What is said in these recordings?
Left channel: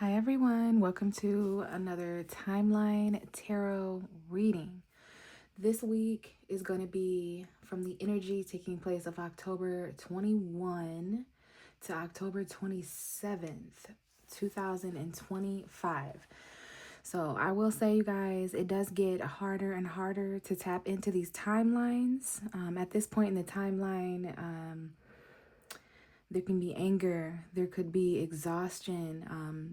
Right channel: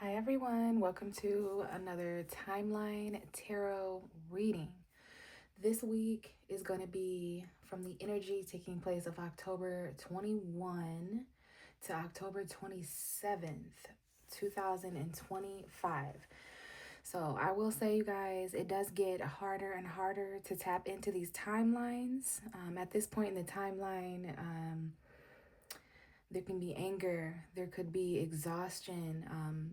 Hi everyone, welcome to another timeline tarot reading. This week is going to be from the energy taking place of October 21 to October 27th, 2025. So I will say, you guys, it does get harder and harder to tap into these timelines. At this point in the timeline, there can be anger, there could be exhaustion.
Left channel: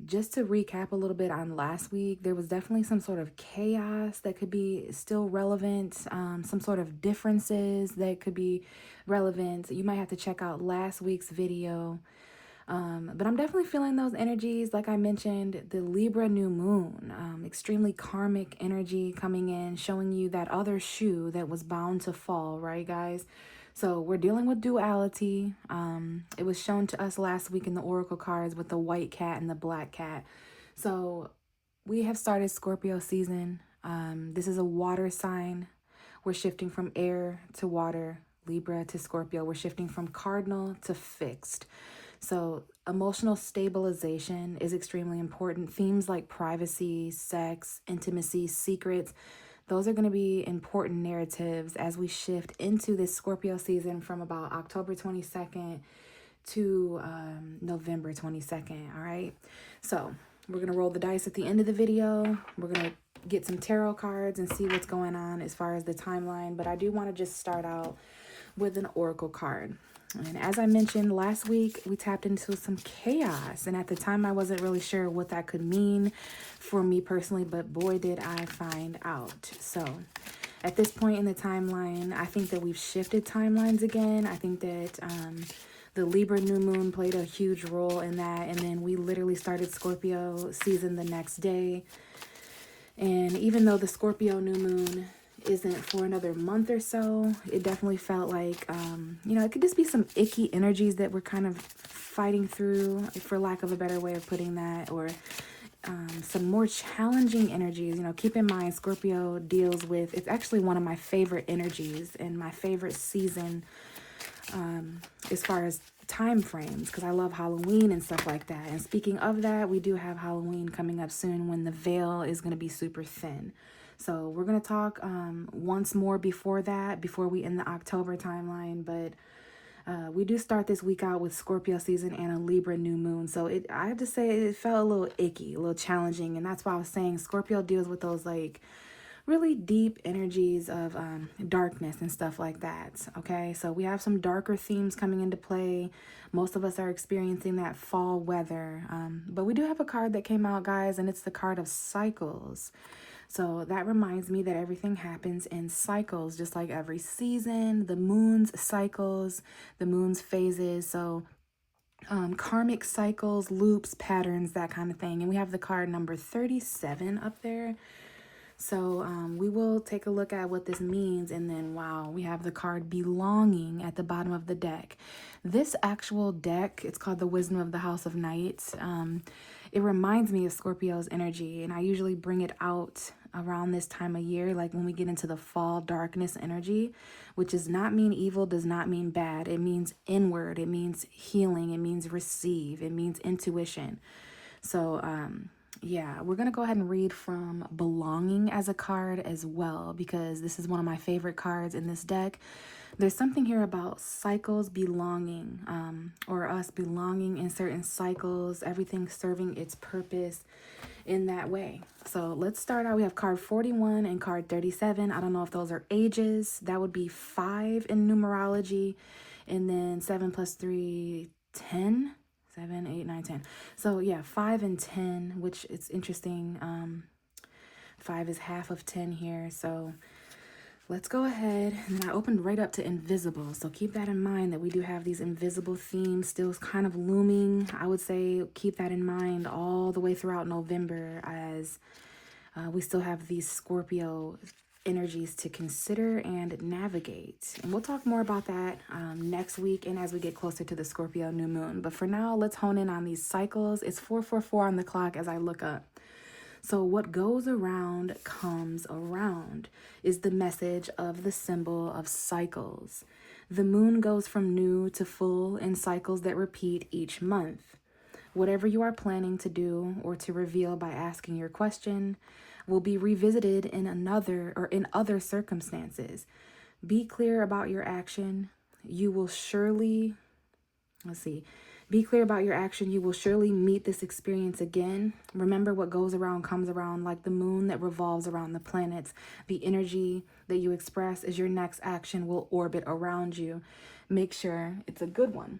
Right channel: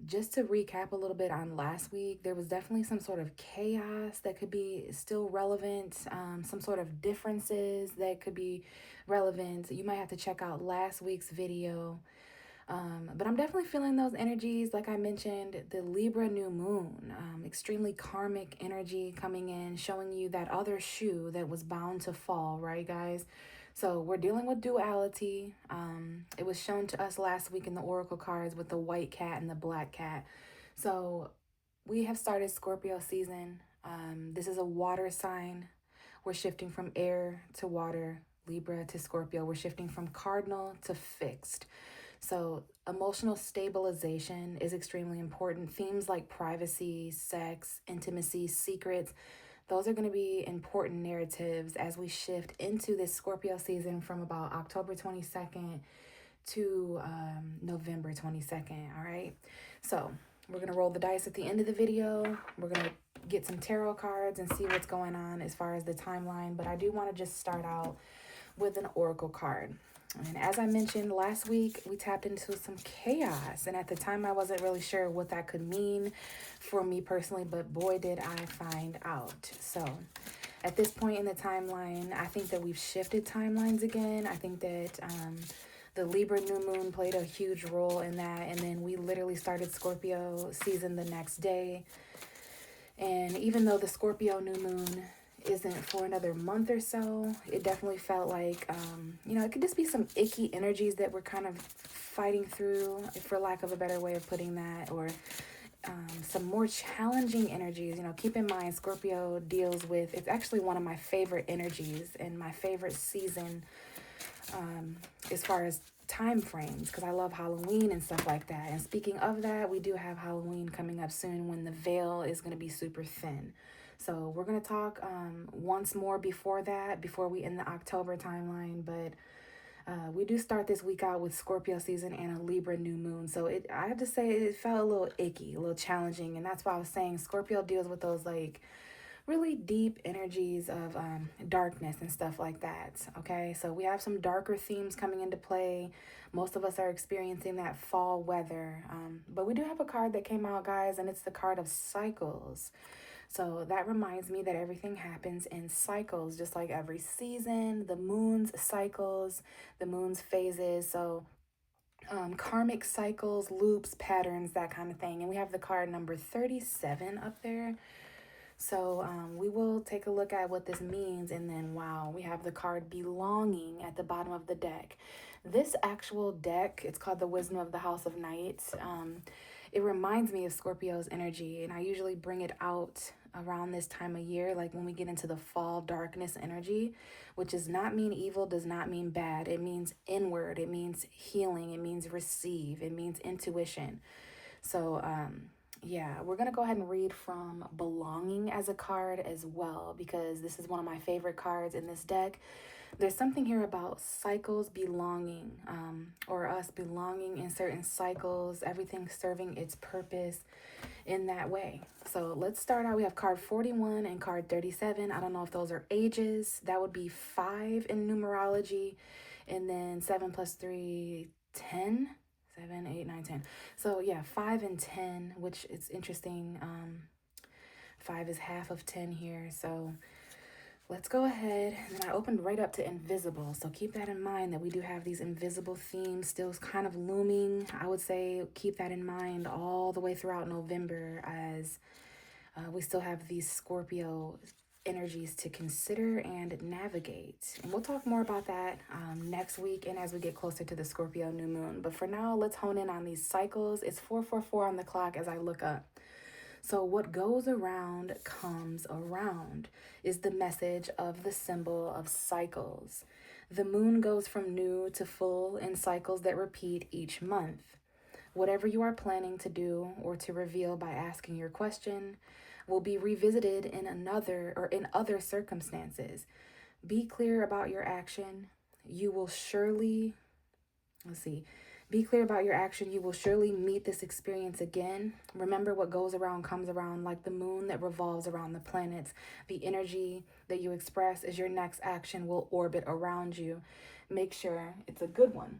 Just to recap a little bit on last week, there was definitely some sort of chaos that could be still relevant, some sort of differences that could be relevant. You might have to check out last week's video. But I'm definitely feeling those energies. Like I mentioned, the Libra new moon, extremely karmic energy coming in, showing you that other shoe that was bound to fall, right, guys? So we're dealing with duality. It was shown to us last week in the oracle cards with the white cat and the black cat. So we have started Scorpio season. This is a water sign. We're shifting from air to water, Libra to Scorpio. We're shifting from cardinal to fixed. So emotional stabilization is extremely important. Themes like privacy, sex, intimacy, secrets, those are going to be important narratives as we shift into this Scorpio season from about October 22nd to November 22nd. All right. So we're going to roll the dice at the end of the video. We're going to get some tarot cards and see what's going on as far as the timeline. But I do want to just start out with an oracle card. And as I mentioned last week, we tapped into some chaos. And at the time, I wasn't really sure what that could mean for me personally, but boy, did I find out. So at this point in the timeline, I think that we've shifted timelines again. I think that the Libra new moon played a huge role in that. And then we literally started Scorpio season the next day. And even though the Scorpio new moon isn't for another month or so, it definitely felt like, it could just be some icky energies that we're kind of fighting through, for lack of a better way of putting that, or some more challenging energies. Keep in mind, Scorpio deals with, it's actually one of my favorite energies and my favorite season as far as time frames, because I love Halloween and stuff like that. And speaking of that, we do have Halloween coming up soon when the veil is going to be super thin. So we're going to talk once more before that, before we end the October timeline. But we do start this week out with Scorpio season and a Libra new moon. So I have to say it felt a little icky, a little challenging. And that's why I was saying Scorpio deals with those like really deep energies of darkness and stuff like that. Okay, so we have some darker themes coming into play. Most of us are experiencing that fall weather. But we do have a card that came out, guys, and it's the card of cycles. So that reminds me that everything happens in cycles, just like every season, the moon's cycles, the moon's phases. So karmic cycles, loops, patterns, that kind of thing. And we have the card number 37 up there. So we will take a look at what this means. And then, wow, we have the card belonging at the bottom of the deck. This actual deck, it's called the Wisdom of the House of Knights. It reminds me of Scorpio's energy, and I usually bring it out around this time of year, like when we get into the fall darkness energy, which does not mean evil, does not mean bad. It means inward, it means healing, it means receive, it means intuition. So yeah, we're going to go ahead and read from belonging as a card as well, because this is one of my favorite cards in this deck. There's something here about cycles belonging, or us belonging in certain cycles, everything serving its purpose in that way. So let's start out. We have card 41 and card 37. I don't know if those are ages. That would be 5 in numerology, and then 7 plus 3, 10. 7, 8, 9, 10. So yeah, 5 and 10, which it's interesting. 5 is half of 10 here. So let's go ahead. And then I opened right up to invisible. So keep that in mind, that we do have these invisible themes still kind of looming. I would say keep that in mind all the way throughout November, as we still have these Scorpio energies to consider and navigate. And we'll talk more about that next week and as we get closer to the Scorpio new moon. But for now, let's hone in on these cycles. It's 444 on the clock as I look up. So what goes around comes around is the message of the symbol of cycles. The moon goes from new to full in cycles that repeat each month. Whatever you are planning to do or to reveal by asking your question will be revisited in other circumstances. Be clear about your action. You will surely, let's see, be clear about your action. You will surely meet this experience again. Remember, what goes around comes around, like the moon that revolves around the planets. The energy that you express as your next action will orbit around you. Make sure it's a good one.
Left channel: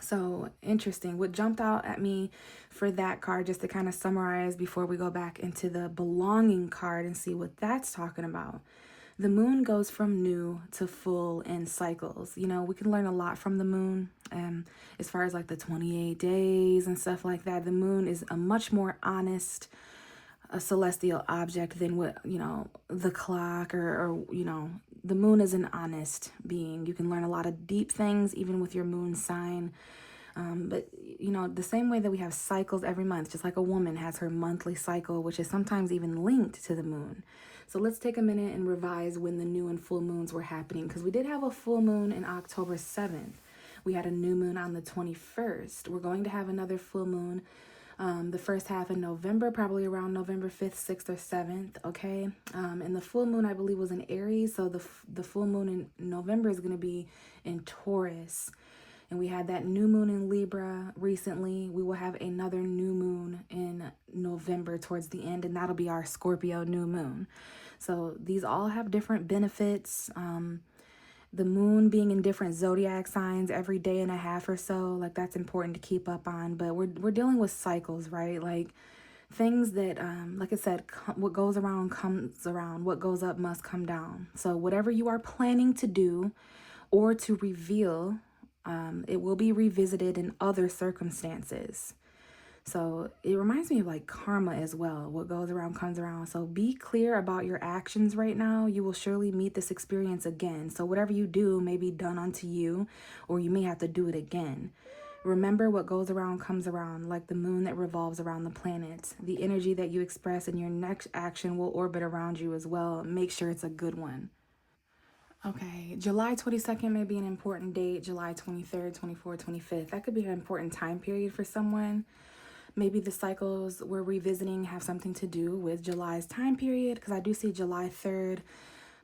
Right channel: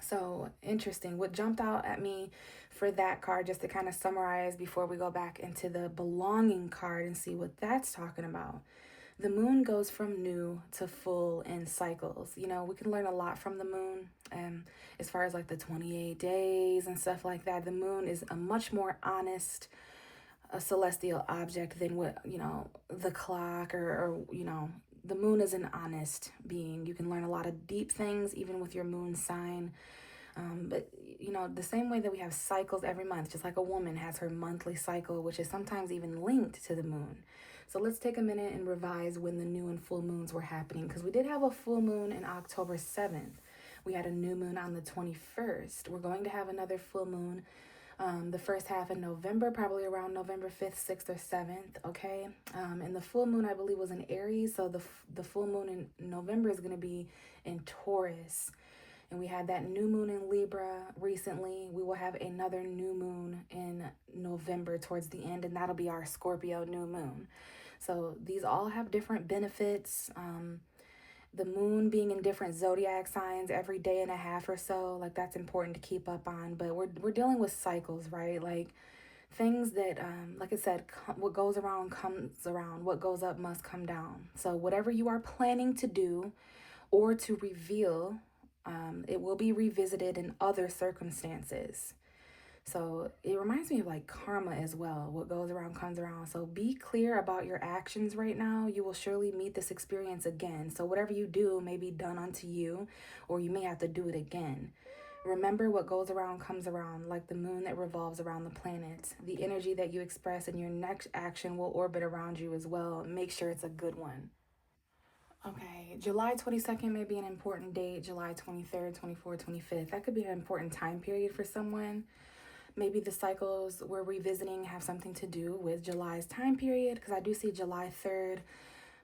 So interesting. What jumped out at me for that card, just to kind of summarize before we go back into the belonging card and see what that's talking about. The moon goes from new to full in cycles. You know, we can learn a lot from the moon. As far as like the 28 days and stuff like that, the moon is a much more honest a celestial object than what, you know, the clock or you know, the moon is an honest being. You can learn a lot of deep things even with your moon sign. But, you know, the same way that we have cycles every month, just like a woman has her monthly cycle, which is sometimes even linked to the moon. So let's take a minute and revise when the new and full moons were happening, because we did have a full moon in October 7th. We had a new moon on the 21st. We're going to have another full moon the first half in November, probably around November 5th, 6th, or 7th, okay? And the full moon, I believe, was in Aries, so the full moon in November is going to be in Taurus. And we had that new moon in Libra recently. We will have another new moon in November towards the end, and that'll be our Scorpio new moon. So these all have different benefits. The moon being in different zodiac signs every day and a half or so, like that's important to keep up on. But we're dealing with cycles, right? Like things that, like I said, what goes around comes around. What goes up must come down. So whatever you are planning to do or to reveal, it will be revisited in other circumstances. So it reminds me of like karma as well. What goes around comes around. So be clear about your actions right now. You will surely meet this experience again. So whatever you do may be done unto you, or you may have to do it again. Remember, what goes around comes around, like the moon that revolves around the planets. The energy that you express in your next action will orbit around you as well. Make sure it's a good one. Okay, July 22nd may be an important date. July 23rd, 24th, 25th. That could be an important time period for someone. Maybe the cycles we're revisiting have something to do with July's time period, because I do see July 3rd,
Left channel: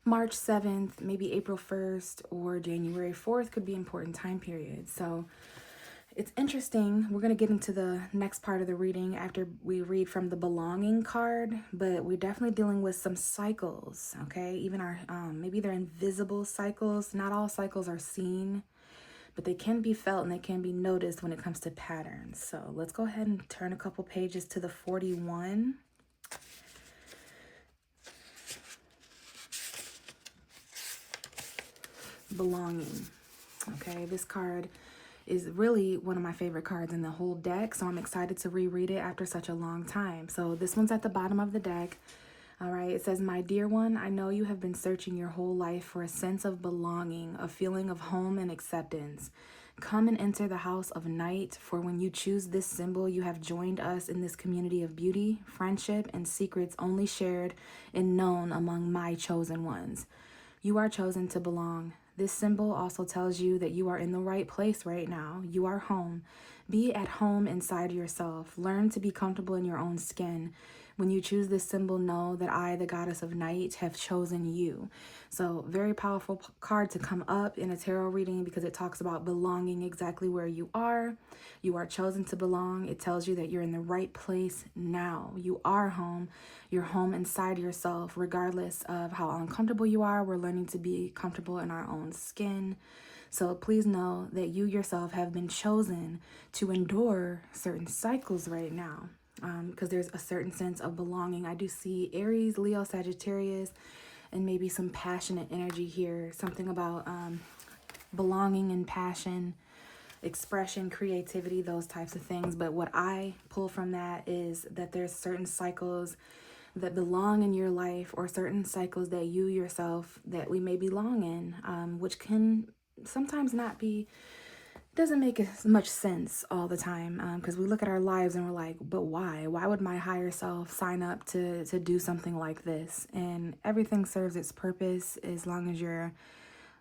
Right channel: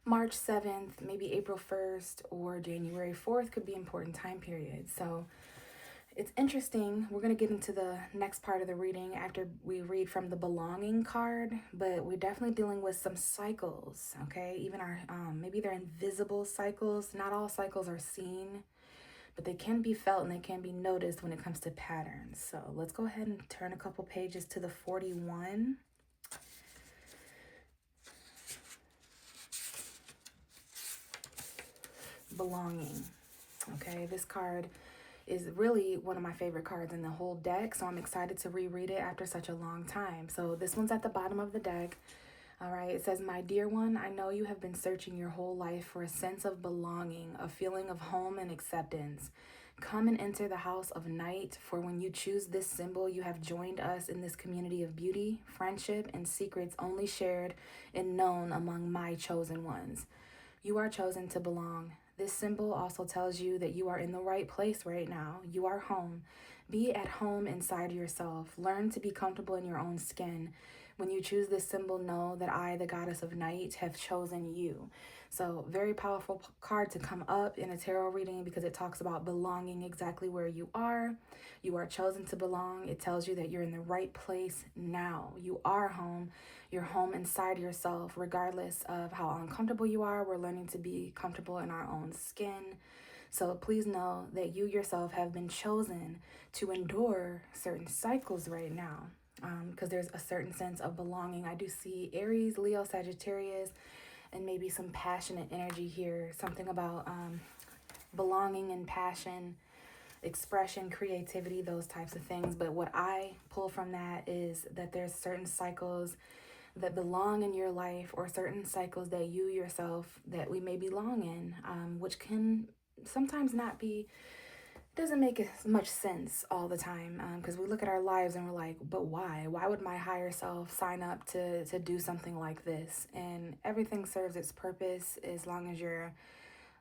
March 7th, maybe April 1st, or January 4th could be important time periods. So it's interesting. We're going to get into the next part of the reading after we read from the belonging card, but we're definitely dealing with some cycles, okay? Even our, maybe they're invisible cycles. Not all cycles are seen, but they can be felt and they can be noticed when it comes to patterns. So let's go ahead and turn a couple pages to the 41. Belonging. Okay, this card is really one of my favorite cards in the whole deck, so I'm excited to reread it after such a long time. So this one's at the bottom of the deck. All right, it says, "My dear one, I know you have been searching your whole life for a sense of belonging, a feeling of home and acceptance. Come and enter the house of night, for when you choose this symbol, you have joined us in this community of beauty, friendship, and secrets only shared and known among my chosen ones. You are chosen to belong. This symbol also tells you that you are in the right place right now. You are home. Be at home inside yourself. Learn to be comfortable in your own skin. When you choose this symbol, know that I, the goddess of night, have chosen you." So very powerful card to come up in a tarot reading, because it talks about belonging exactly where you are. You are chosen to belong. It tells you that you're in the right place now. You are home. You're home inside yourself, regardless of how uncomfortable you are. We're learning to be comfortable in our own skin. So please know that you yourself have been chosen to endure certain cycles right now, because there's a certain sense of belonging. I do see Aries, Leo, Sagittarius, and maybe some passionate energy here. Something about belonging and passion, expression, creativity, those types of things. But what I pull from that is that there's certain cycles that belong in your life, or certain cycles that you yourself, that we may belong in, which can sometimes not be, doesn't make as much sense all the time, because we look at our lives and we're like, but why would my higher self sign up to do something like this? And everything serves its purpose as long as you're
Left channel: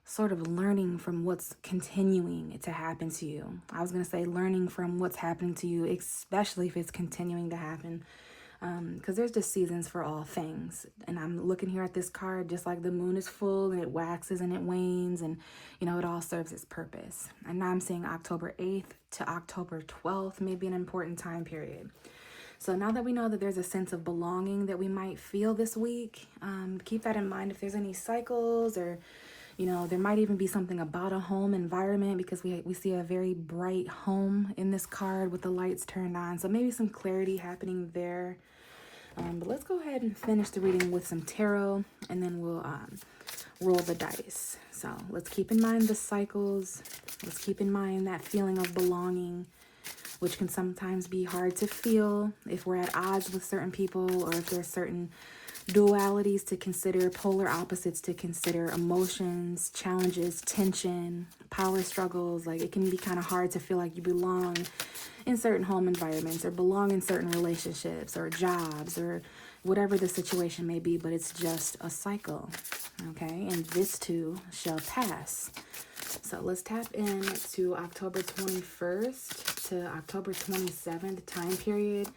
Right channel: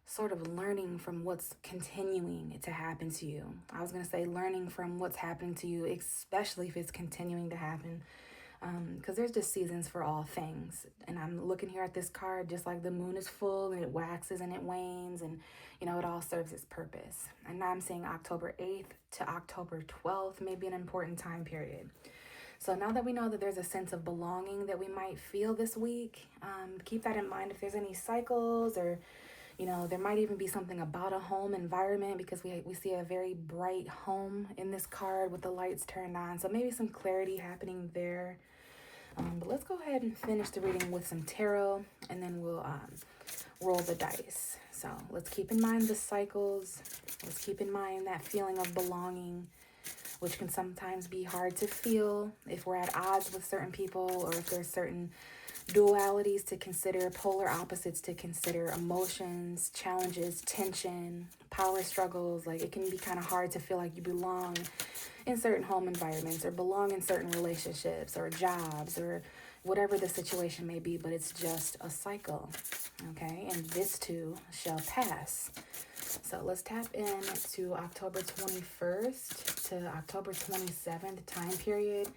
sort of learning from what's continuing to happen to you. I was going to say learning from what's happening to you, especially if it's continuing to happen. Because there's just seasons for all things. And I'm looking here at this card, just like the moon is full and it waxes and it wanes, and it all serves its purpose. And now I'm seeing October 8th to October 12th may be an important time period. So now that we know that there's a sense of belonging that we might feel this week, keep that in mind if there's any cycles, or there might even be something about a home environment, because we see a very bright home in this card with the lights turned on. So maybe some clarity happening there. But let's go ahead and finish the reading with some tarot, and then we'll roll the dice. So let's keep in mind the cycles. Let's keep in mind that feeling of belonging, which can sometimes be hard to feel if we're at odds with certain people, or if there's certain dualities to consider, polar opposites to consider, emotions, challenges, tension, power struggles. Like, it can be kind of hard to feel like you belong in certain home environments, or belong in certain relationships or jobs, or whatever the situation may be, but it's just a cycle, okay? And this too shall pass. So let's tap into October 21st to October 27th time period.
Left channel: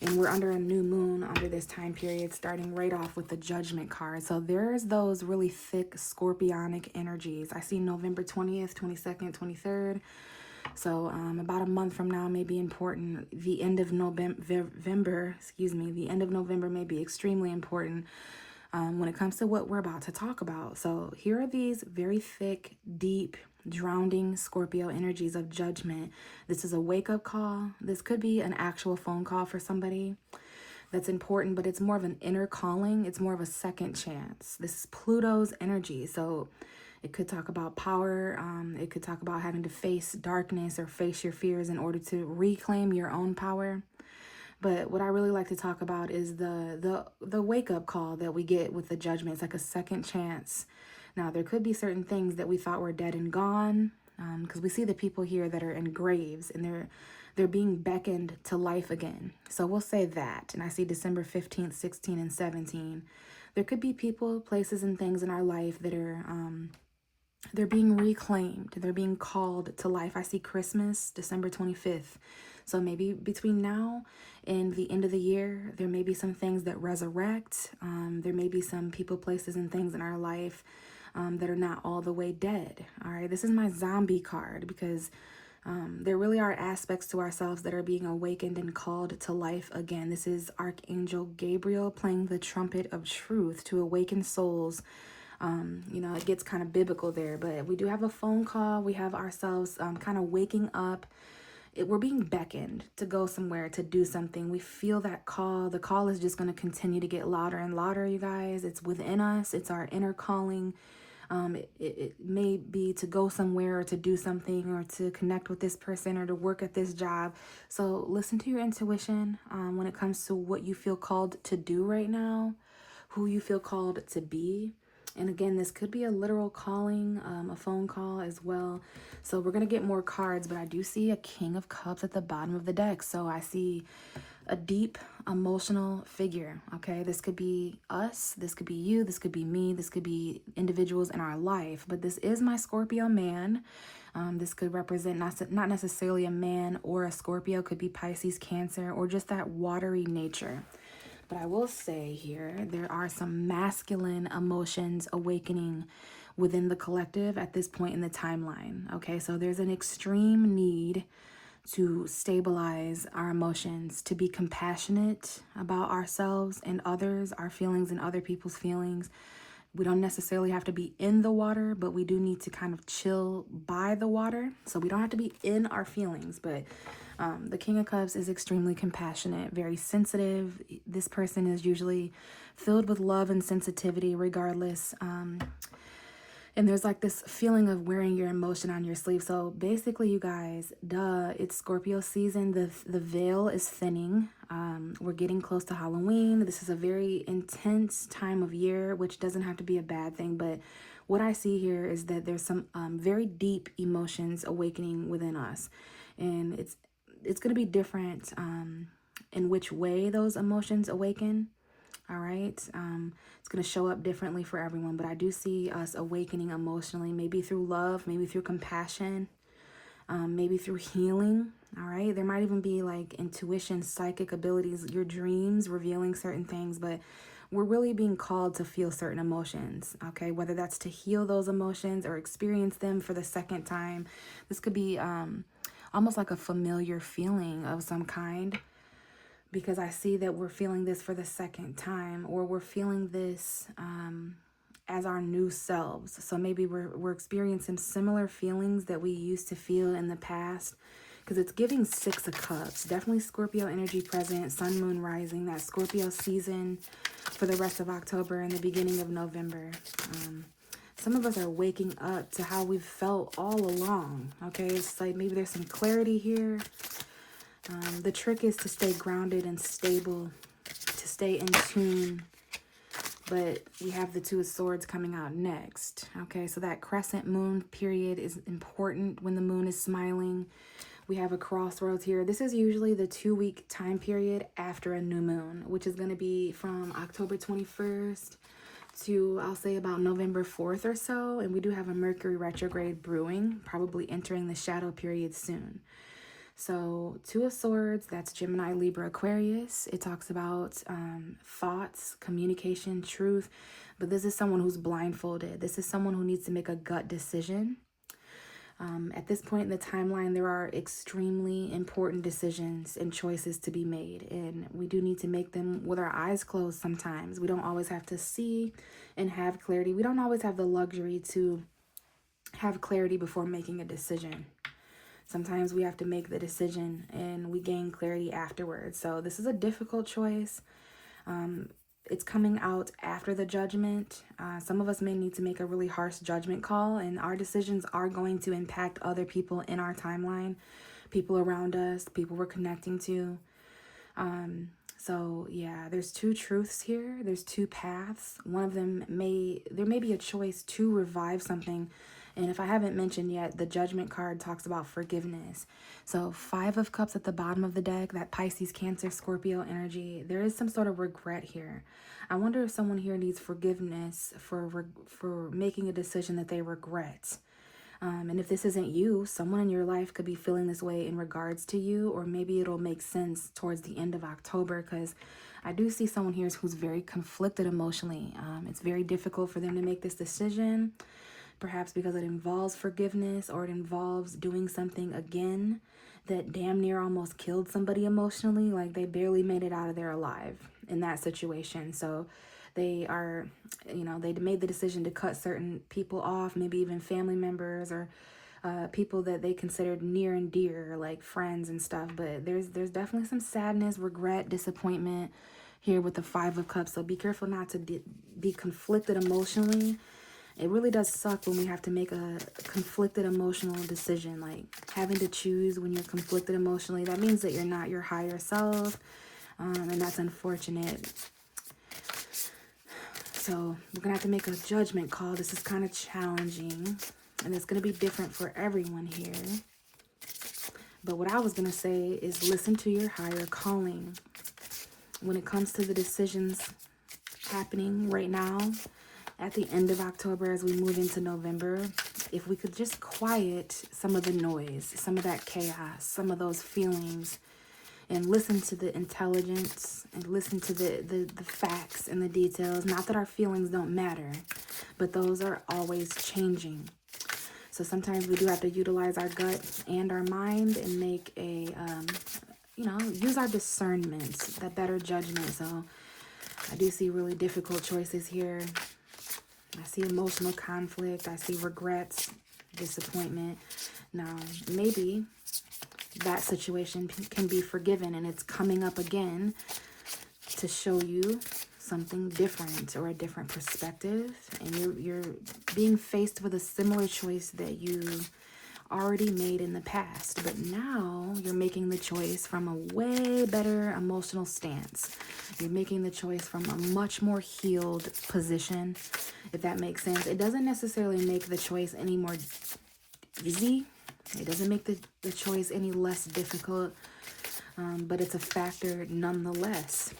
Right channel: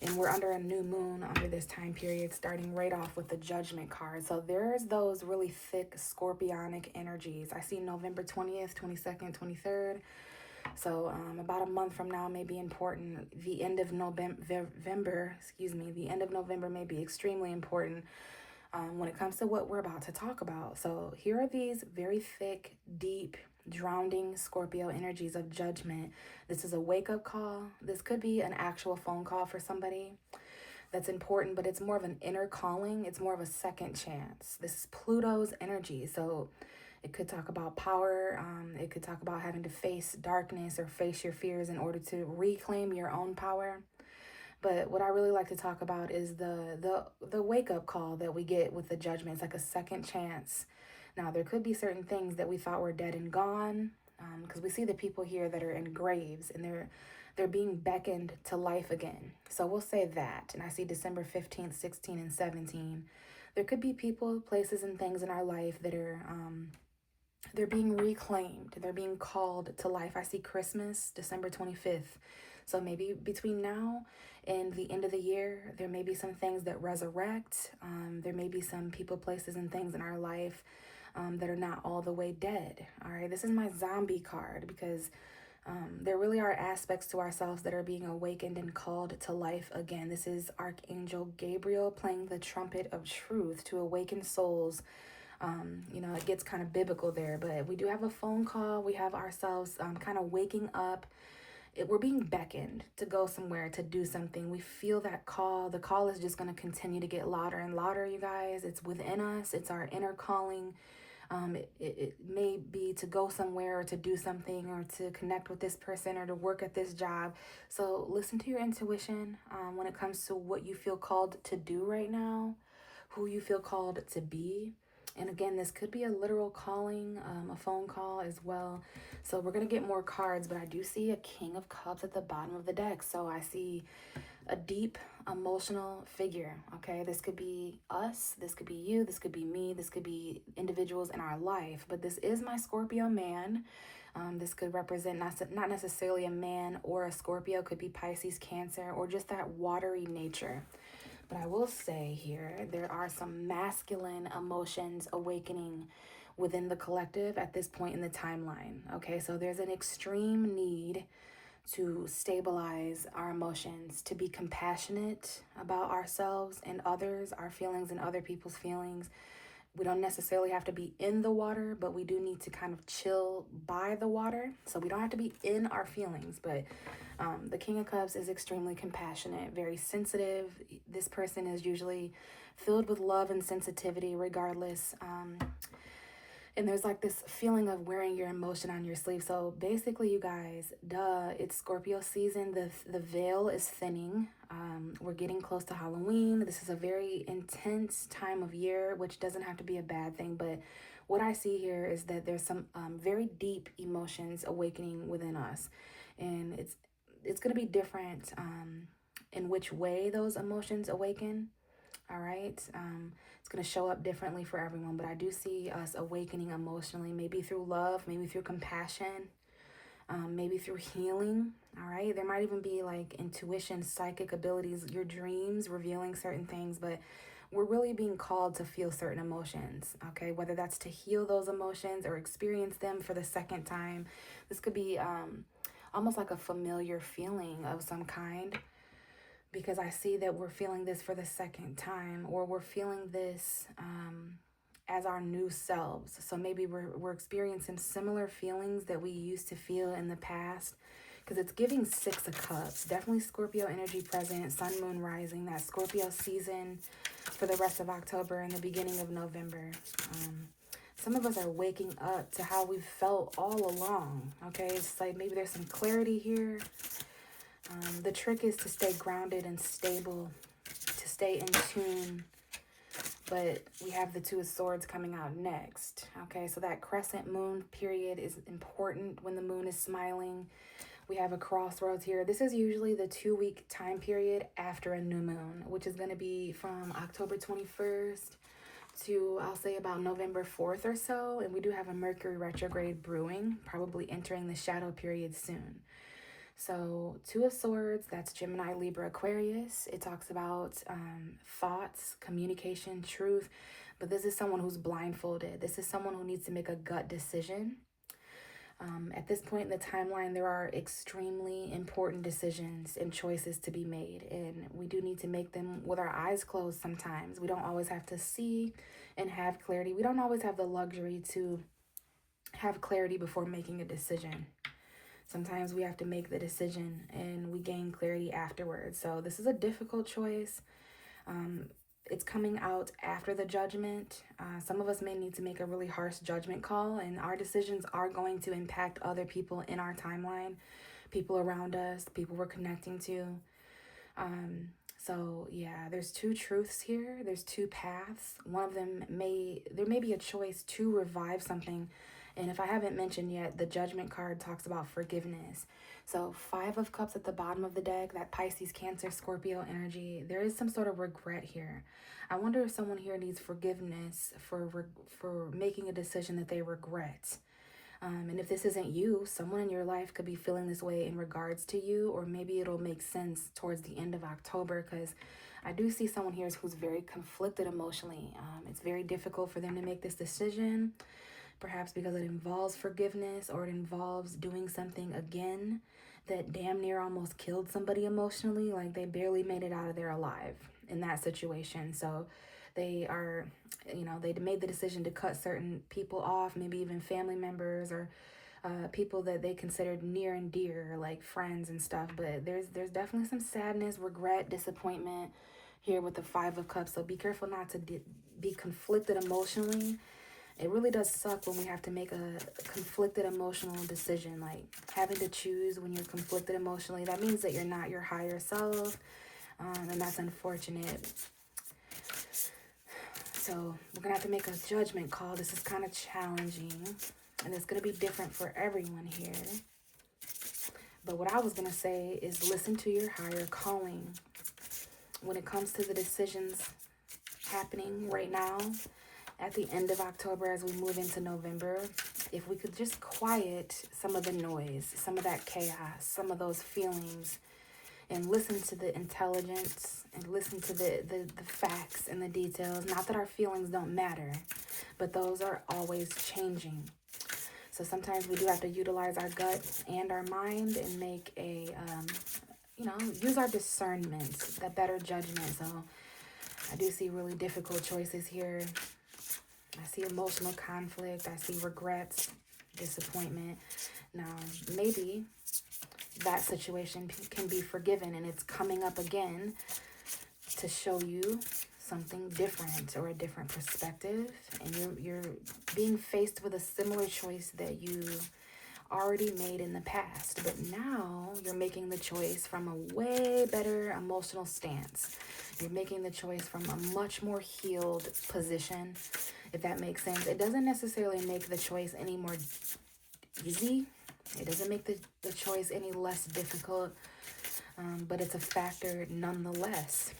And we're under a new moon under this time period, starting right off with the Judgment card. So there's those really thick scorpionic energies. I see November 20th, 22nd, 23rd. So about a month from now may be important. The end of November, the end of November may be extremely important when it comes to what we're about to talk about. So here are these very thick, deep, drowning Scorpio energies of Judgment. This is a wake-up call. This could be an actual phone call for somebody that's important, but it's more of an inner calling. It's more of a second chance. This is Pluto's energy. So it could talk about power. It could talk about having to face darkness or face your fears in order to reclaim your own power. But what I really like to talk about is the wake-up call that we get with the Judgment. It's like a second chance. Now, there could be certain things that we thought were dead and gone, because we see the people here that are in graves, and they're being beckoned to life again. So we'll say that. And I see December 15th, 16, and 17. There could be people, places, and things in our life that are they're being reclaimed. They're being called to life. I see Christmas, December 25th. So maybe between now and the end of the year, there may be some things that resurrect. There may be some people, places, and things in our life that are not all the way dead. All right, this is my zombie card, because there really are aspects to ourselves that are being awakened and called to life again. This is Archangel Gabriel playing the trumpet of truth to awaken souls. It gets kind of biblical there, but we do have a phone call. We have ourselves kind of waking up. We're being beckoned to go somewhere, to do something. We feel that call. The call is just going to continue to get louder and louder, you guys. It's within us. It's our inner calling. It may be to go somewhere, or to do something, or to connect with this person, or to work at this job. So listen to your intuition when it comes to what you feel called to do right now, who you feel called to be. And again, this could be a literal calling, a phone call as well. So we're going to get more cards, but I do see a King of Cups at the bottom of the deck. So I see a deep emotional figure, okay? This could be us, this could be you, this could be me, this could be individuals in our life. But this is my Scorpio man. This could represent not necessarily a man or a Scorpio. Could be Pisces, Cancer, or just that watery nature. But I will say here, there are some masculine emotions awakening within the collective at this point in the timeline. Okay, so there's an extreme need to stabilize our emotions, to be compassionate about ourselves and others, our feelings and other people's feelings. We don't necessarily have to be in the water, but we do need to kind of chill by the water. So we don't have to be in our feelings, but the King of Cups is extremely compassionate, very sensitive. This person is usually filled with love and sensitivity regardless. And there's like this feeling of wearing your emotion on your sleeve. So basically, you guys, it's Scorpio season. The veil is thinning. We're getting close to Halloween. This is a very intense time of year, which doesn't have to be a bad thing. But what I see here is that there's some very deep emotions awakening within us. And it's going to be different in which way those emotions awaken. All right. It's going to show up differently for everyone, but I do see us awakening emotionally, maybe through love, maybe through compassion, maybe through healing. All right. There might even be like intuition, psychic abilities, your dreams revealing certain things, but we're really being called to feel certain emotions. Okay. Whether that's to heal those emotions or experience them for the second time. This could be almost like a familiar feeling of some kind, because I see that we're feeling this for the second time, or we're feeling this as our new selves. So maybe we're experiencing similar feelings that we used to feel in the past, because it's giving 6 of Cups. Definitely Scorpio energy present, sun, moon, rising, that Scorpio season for the rest of October and the beginning of November. Some of us are waking up to how we've felt all along, okay? It's like maybe there's some clarity here. The trick is to stay grounded and stable, to stay in tune. But we have the Two of Swords coming out next. Okay, so that crescent moon period is important when the moon is smiling. We have a crossroads here. This is usually the 2-week time period after a new moon, which is going to be from October 21st to, I'll say, about November 4th or so. And we do have a Mercury retrograde brewing, probably entering the shadow period soon. So 2 of Swords, that's Gemini, Libra, Aquarius. It talks about thoughts, communication, truth. But this is someone who's blindfolded. This is someone who needs to make a gut decision. At this point in the timeline, there are extremely important decisions and choices to be made. And we do need to make them with our eyes closed sometimes. We don't always have to see and have clarity. We don't always have the luxury to have clarity before making a decision. Sometimes we have to make the decision and we gain clarity afterwards. So this is a difficult choice. It's coming out after the judgment. Some of us may need to make a really harsh judgment call, and our decisions are going to impact other people in our timeline, people around us, people we're connecting to. So yeah, there's 2 truths here. There's 2 paths. One of them there may be a choice to revive something. And if I haven't mentioned yet, the Judgment card talks about forgiveness. So 5 of Cups at the bottom of the deck, that Pisces, Cancer, Scorpio energy. There is some sort of regret here. I wonder if someone here needs forgiveness for making a decision that they regret. And if this isn't you, someone in your life could be feeling this way in regards to you, or maybe it'll make sense towards the end of October, because I do see someone here who's very conflicted emotionally. It's very difficult for them to make this decision. Perhaps because it involves forgiveness, or it involves doing something again that damn near almost killed somebody emotionally. Like they barely made it out of there alive in that situation. So they are, they made the decision to cut certain people off, maybe even family members or people that they considered near and dear, like friends and stuff. But there's definitely some sadness, regret, disappointment here with the 5 of Cups. So be careful not to be conflicted emotionally. It really does suck when we have to make a conflicted emotional decision, like having to choose when you're conflicted emotionally. That means that you're not your higher self, and that's unfortunate. So we're going to have to make a judgment call. This is kind of challenging, and it's going to be different for everyone here. But what I was going to say is listen to your higher calling. When it comes to the decisions happening right now, at the end of October, as we move into November, if we could just quiet some of the noise, some of that chaos, some of those feelings, and listen to the intelligence and listen to the facts and the details. Not that our feelings don't matter, but those are always changing. So sometimes we do have to utilize our gut and our mind and make a, use our discernment, that better judgment. So I do see really difficult choices here. I see emotional conflict. I see regrets, disappointment. Now, maybe that situation can be forgiven, and it's coming up again to show you something different or a different perspective. And you're being faced with a similar choice that you already made in the past. But now you're making the choice from a way better emotional stance. You're making the choice from a much more healed position, if that makes sense. It doesn't necessarily make the choice any more easy. It doesn't make the choice any less difficult, but it's a factor nonetheless.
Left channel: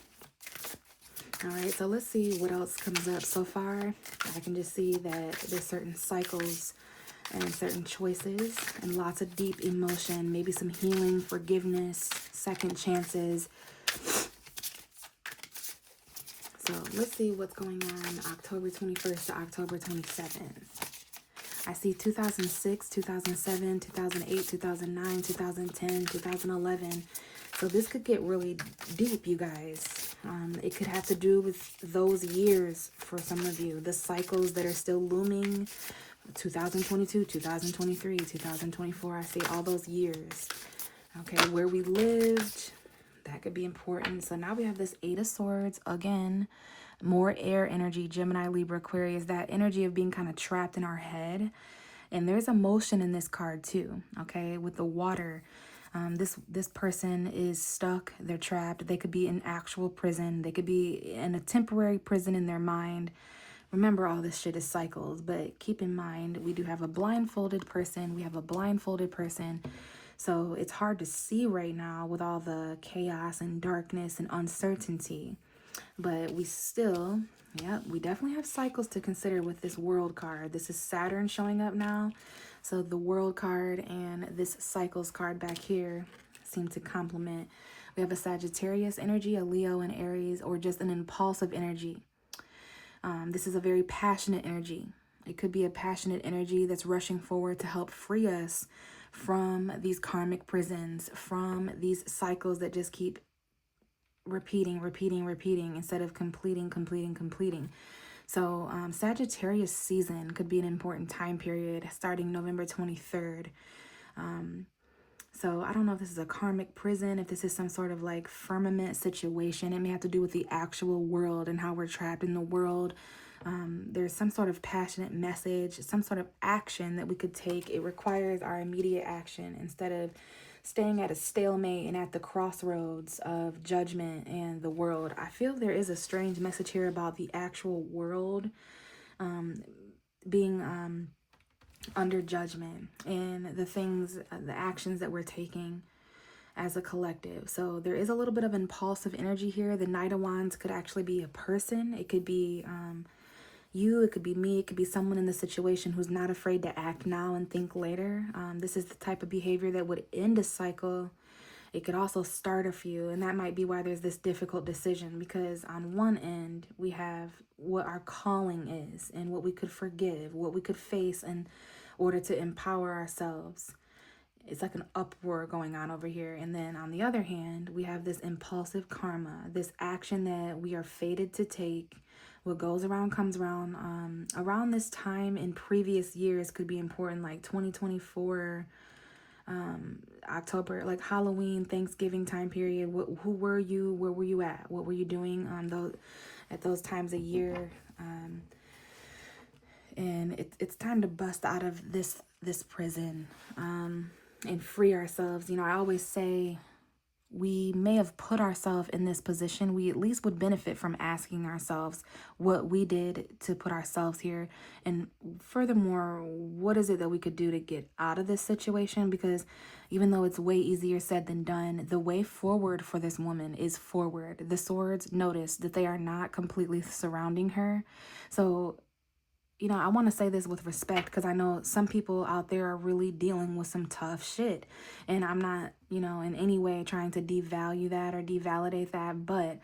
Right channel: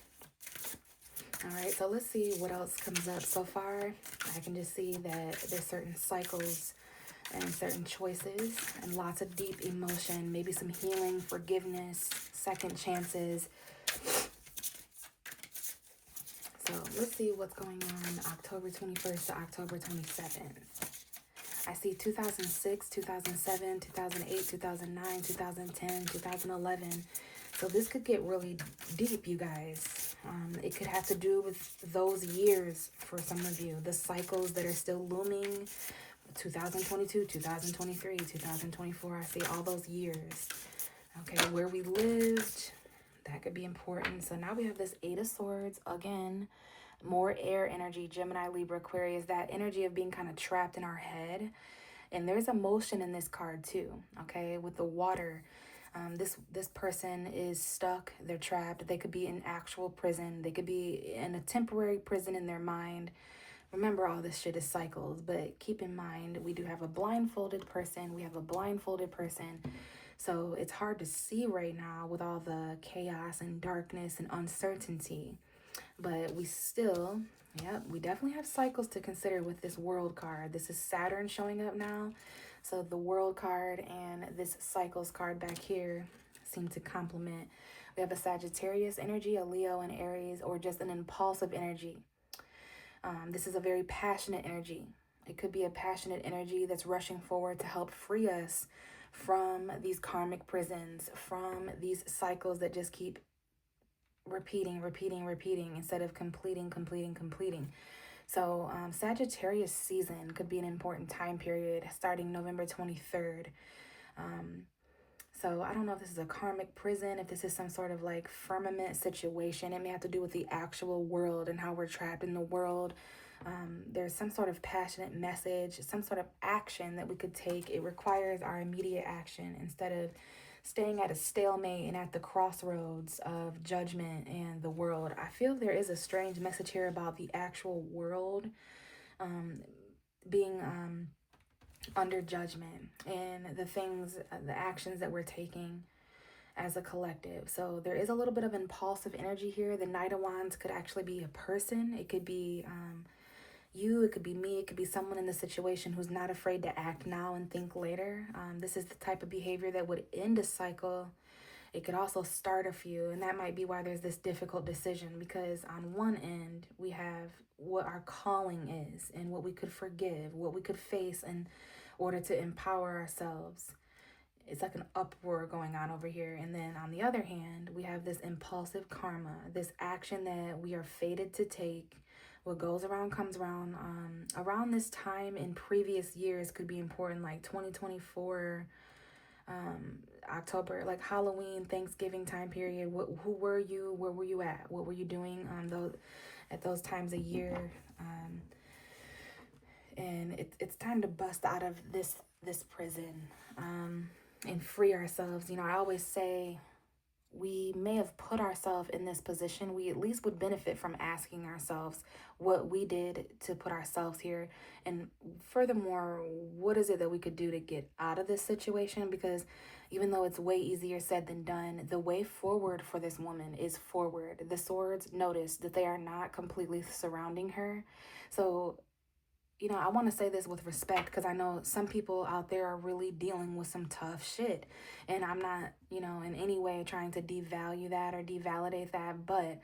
All right, so let's see what else comes up. So far, I can just see that there's certain cycles and certain choices and lots of deep emotion, maybe some healing, forgiveness, second chances. So let's see what's going on October 21st to October 27th. I see 2006, 2007, 2008, 2009, 2010, 2011. So this could get really deep, you guys. It could have to do with those years for some of you. The cycles that are still looming. 2022, 2023, 2024. I see all those years. Okay, where we lived. That could be important. So now we have this Eight of Swords again. More air energy, Gemini, Libra, Aquarius, that energy of being kind of trapped in our head. And there's emotion in this card too, okay, with the water. This person is stuck, they're trapped. They could be in actual prison. They could be in a temporary prison in their mind. Remember, all this shit is cycles, but keep in mind, we do have a blindfolded person. We have a blindfolded person. So it's hard to see right now with all the chaos and darkness and uncertainty. But we still, we definitely have cycles to consider with this World card. This is Saturn showing up now. So the World card and this Cycles card back here seem to complement. We have a Sagittarius energy, a Leo and Aries, or just an impulsive energy. This is a very passionate energy. It could be a passionate energy that's rushing forward to help free us from these karmic prisons, from these cycles that just keep repeating instead of completing. So Sagittarius season could be an important time period starting November 23rd. So I don't know if this is a karmic prison, if this is some sort of like firmament situation. It may have to do with the actual world and how we're trapped in the world. There's some sort of passionate message, some sort of action that we could take. It requires our immediate action instead of staying at a stalemate and at the crossroads of judgment and the world. I feel there is a strange message here about the actual world being under judgment and the actions that we're taking as a collective. So there is a little bit of impulsive energy here. The Knight of Wands could actually be a person. It could be you, it could be me, it could be someone in the situation who's not afraid to act now and think later. This is the type of behavior that would end a cycle. It could also start a few, and that might be why there's this difficult decision, because on one end, we have what our calling is and what we could forgive, what we could face in order to empower ourselves. It's like an uproar going on over here. And then on the other hand, we have this impulsive karma, this action that we are fated to take. What goes around comes around. Around this time in previous years could be important, like 2024, October, like Halloween, Thanksgiving time period. Who were you? Where were you at? What were you doing at those times of year? And it's time to bust out of this prison and free ourselves. You know, I always say, we may have put ourselves in this position. We at least would benefit from asking ourselves what we did to put ourselves here. And furthermore, what is it that we could do to get out of this situation? Because even though it's way easier said than done, the way forward for this woman is forward. The swords, notice that they are not completely surrounding her. So, you know, I want to say this with respect, because I know some people out there are really dealing with some tough shit. And I'm not, you know, in any way trying to devalue that or devalidate that. But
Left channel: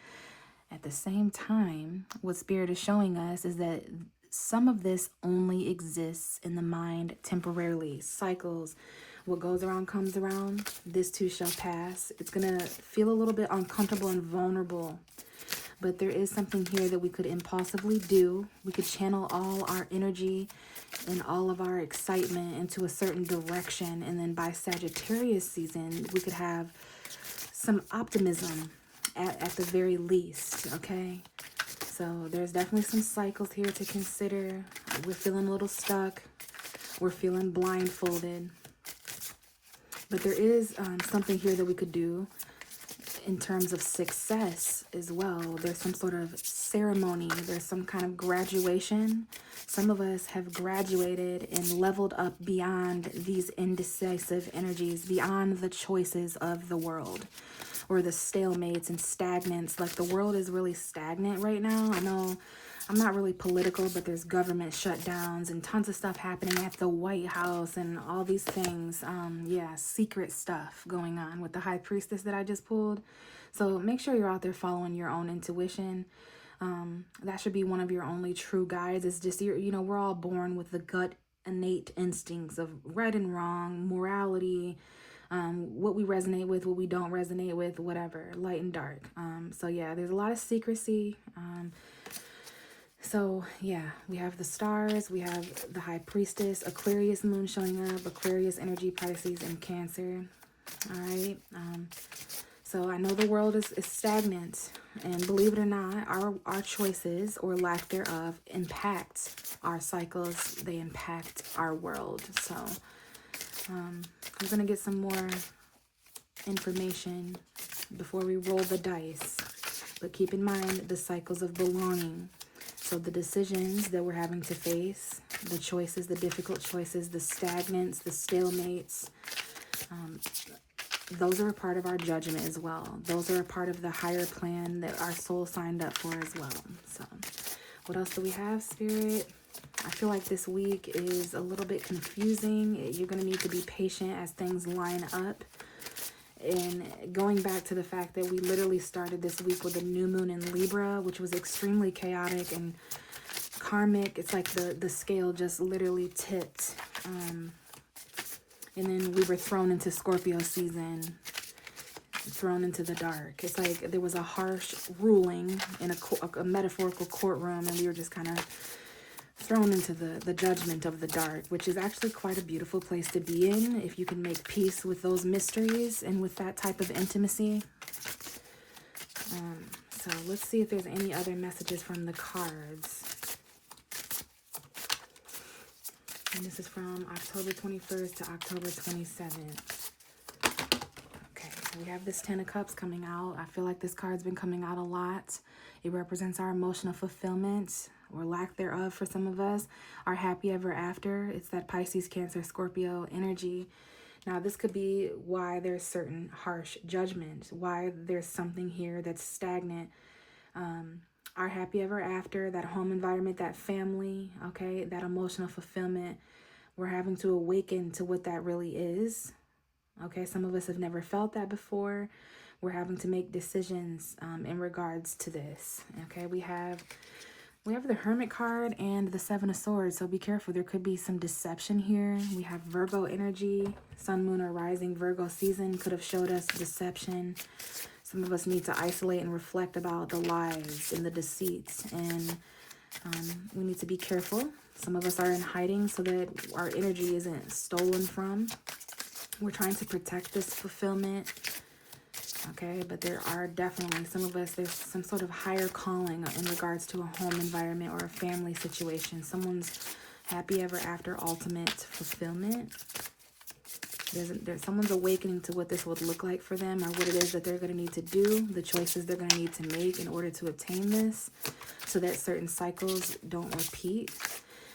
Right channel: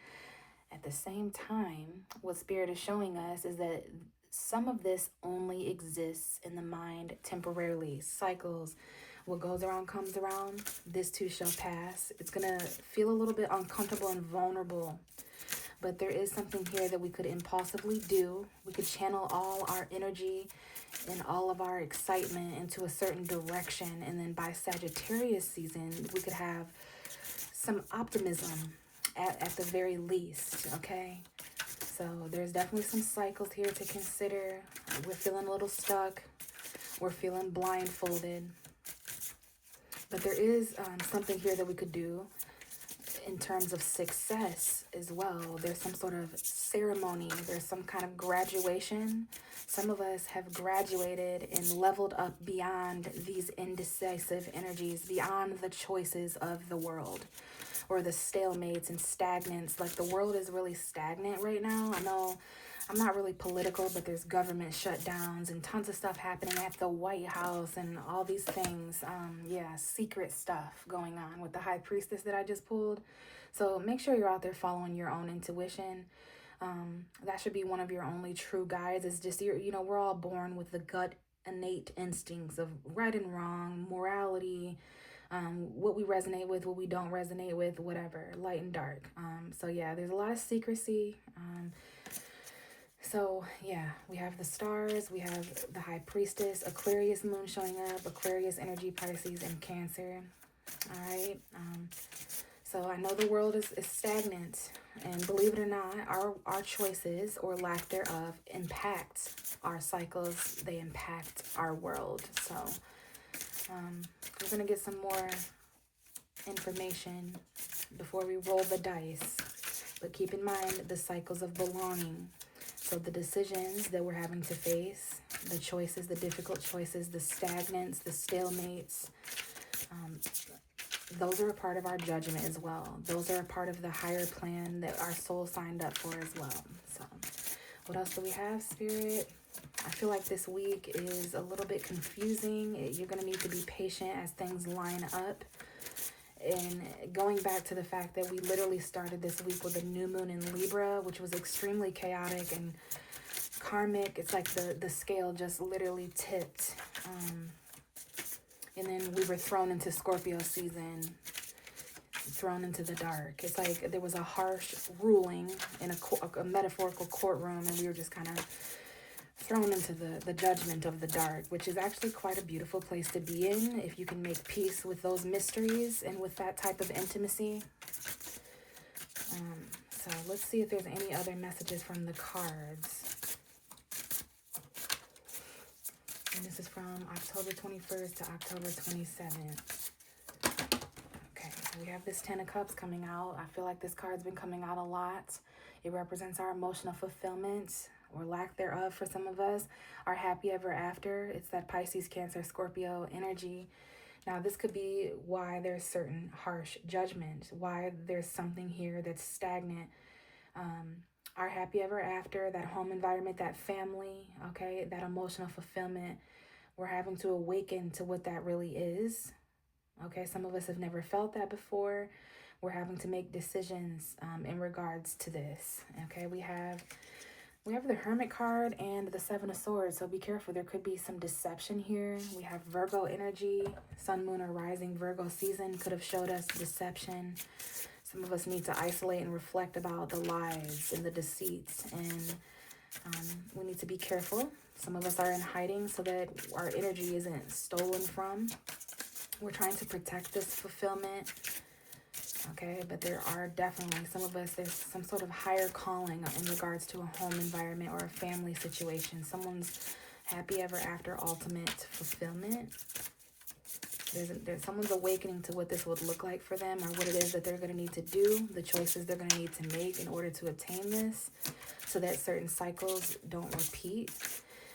at the same time, what Spirit is showing us is that some of this only exists in the mind temporarily. Cycles. What goes around comes around. This too shall pass. It's going to feel a little bit uncomfortable and vulnerable. But there is something here that we could impulsively do. We could channel all our energy and all of our excitement into a certain direction. And then by Sagittarius season, we could have some optimism at the very least, okay? So there's definitely some cycles here to consider. We're feeling a little stuck. We're feeling blindfolded. But there is something here that we could do in terms of success as well. There's some sort of ceremony. There's some kind of graduation. Some of us have graduated and leveled up beyond these indecisive energies, beyond the choices of the world. or the stalemates and stagnants. Like the world is really stagnant right now. I know I'm not really political, but there's government shutdowns and tons of stuff happening at the White House and all these things. Yeah, secret stuff going on with the High Priestess that I just pulled. So make sure you're out there following your own intuition. That should be one of your only true guides. It's just, we're all born with the gut innate instincts of right and wrong, morality, what we resonate with, what we don't resonate with, whatever, light and dark. So yeah, there's a lot of secrecy. So yeah, we have the stars, we have the High Priestess, Aquarius moon showing up, Aquarius energy, Pisces, and Cancer. All right. So I know the world is stagnant, and believe it or not, our choices or lack thereof impact our cycles. They impact our world. So I'm going to get some more information before we roll the dice. But keep in mind the cycles of belonging. So the decisions that we're having to face, the choices, the difficult choices, the stagnants, the stalemates, those are a part of our judgment as well. Those are a part of the higher plan that our soul signed up for as well. So what else do we have, Spirit? I feel like this week is a little bit confusing. You're going to need to be patient as things line up. And going back to the fact that we literally started this week with a new moon in Libra, which was extremely chaotic and karmic. It's like the scale just literally tipped. And then we were thrown into Scorpio season, thrown into the dark. It's like there was a harsh ruling in a metaphorical courtroom, and we were just kind of thrown into the judgment of the dark, which is actually quite a beautiful place to be in if you can make peace with those mysteries and with that type of intimacy. So let's see if there's any other messages from the cards. And this is from October 21st to October 27th. Okay, so we have this 10 of Cups coming out. I feel like this card's been coming out a lot. It represents our emotional fulfillment or lack thereof for some of us. Our happy ever after. It's that Pisces, Cancer, Scorpio energy. Now, this could be why there's certain harsh judgment, why there's something here that's stagnant. Our happy ever after, that home environment, that family, okay, that emotional fulfillment, we're having to awaken to what that really is. Okay, some of us have never felt that before. We're having to make decisions in regards to this. Okay, we have the Hermit card and the Seven of Swords, so be careful. There could be some deception here. We have Virgo energy, Sun, Moon, or Rising Virgo season could have showed us deception. Some of us need to isolate and reflect about the lies and the deceits, and we need to be careful. Some of us are in hiding so that our energy isn't stolen from. We're trying to protect this fulfillment, okay? But there are definitely, some of us, there's some sort of higher calling in regards to a home environment or a family situation. Someone's happy ever after ultimate fulfillment. There's someone's awakening to what this would look like for them, or what it is that they're going to need to do, the choices they're going to need to make in order to obtain this, so that certain cycles don't repeat.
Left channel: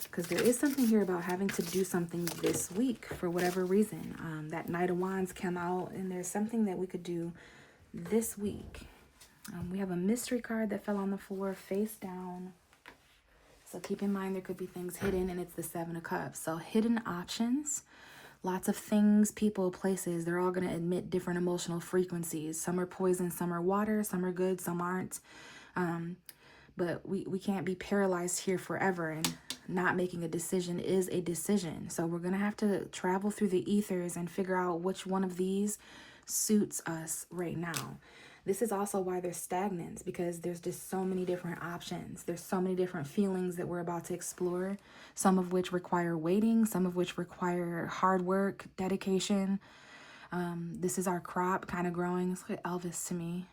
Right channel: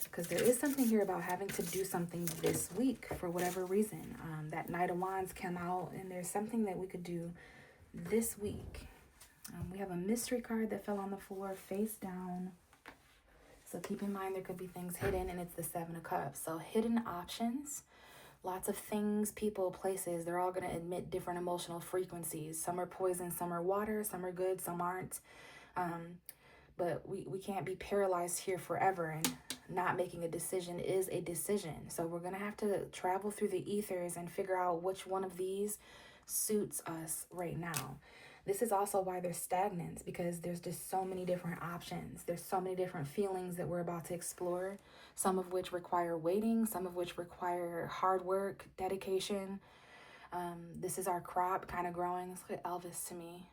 Because there is something here about having to do something this week for whatever reason. That Knight of Wands came out, and there's something that we could do this week. We have a mystery card that fell on the floor face down. So keep in mind there could be things hidden, and it's the Seven of Cups. So hidden options. Lots of things, people, places, they're all going to emit different emotional frequencies. Some are poison, some are water, some are good, some aren't. But we can't be paralyzed here forever, and not making a decision is a decision. So we're going to have to travel through the ethers and figure out which one of these suits us right now. This is also why there's stagnance, because there's just so many different options. There's so many different feelings that we're about to explore, some of which require waiting, some of which require hard work, dedication. This is our crop kind of growing. It's like Elvis to me.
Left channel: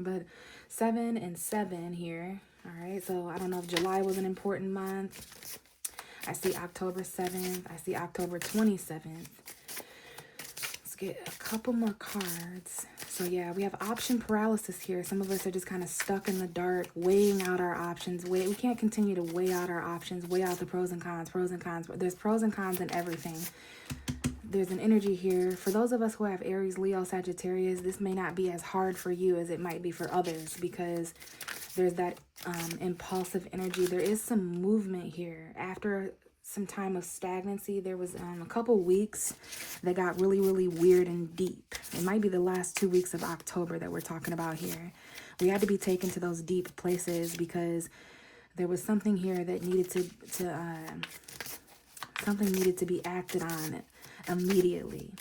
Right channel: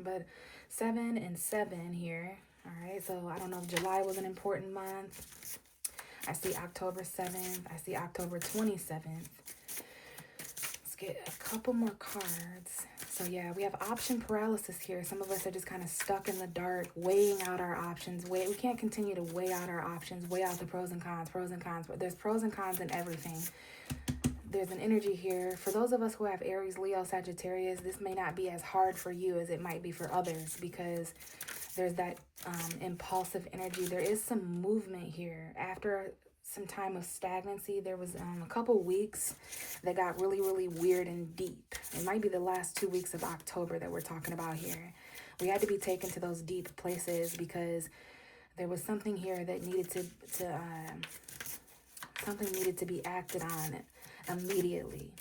But 7 and 7 here. All right, so I don't know if July was an important month. I see October 7th. I see October 27th. Let's get a couple more cards. So yeah, we have option paralysis here. Some of us are just kind of stuck in the dark, weighing out our options. We can't continue to weigh out our options, weigh out the pros and cons, pros and cons. There's pros and cons in everything. there's an energy here. For those of us who have Aries, Leo, Sagittarius, this may not be as hard for you as it might be for others, because there's that impulsive energy. There is some movement here. After some time of stagnancy, there was a couple weeks that got really, really weird and deep. It might be the last 2 weeks of October that we're talking about here. We had to be taken to those deep places because there was something here that needed something needed to be acted on immediately,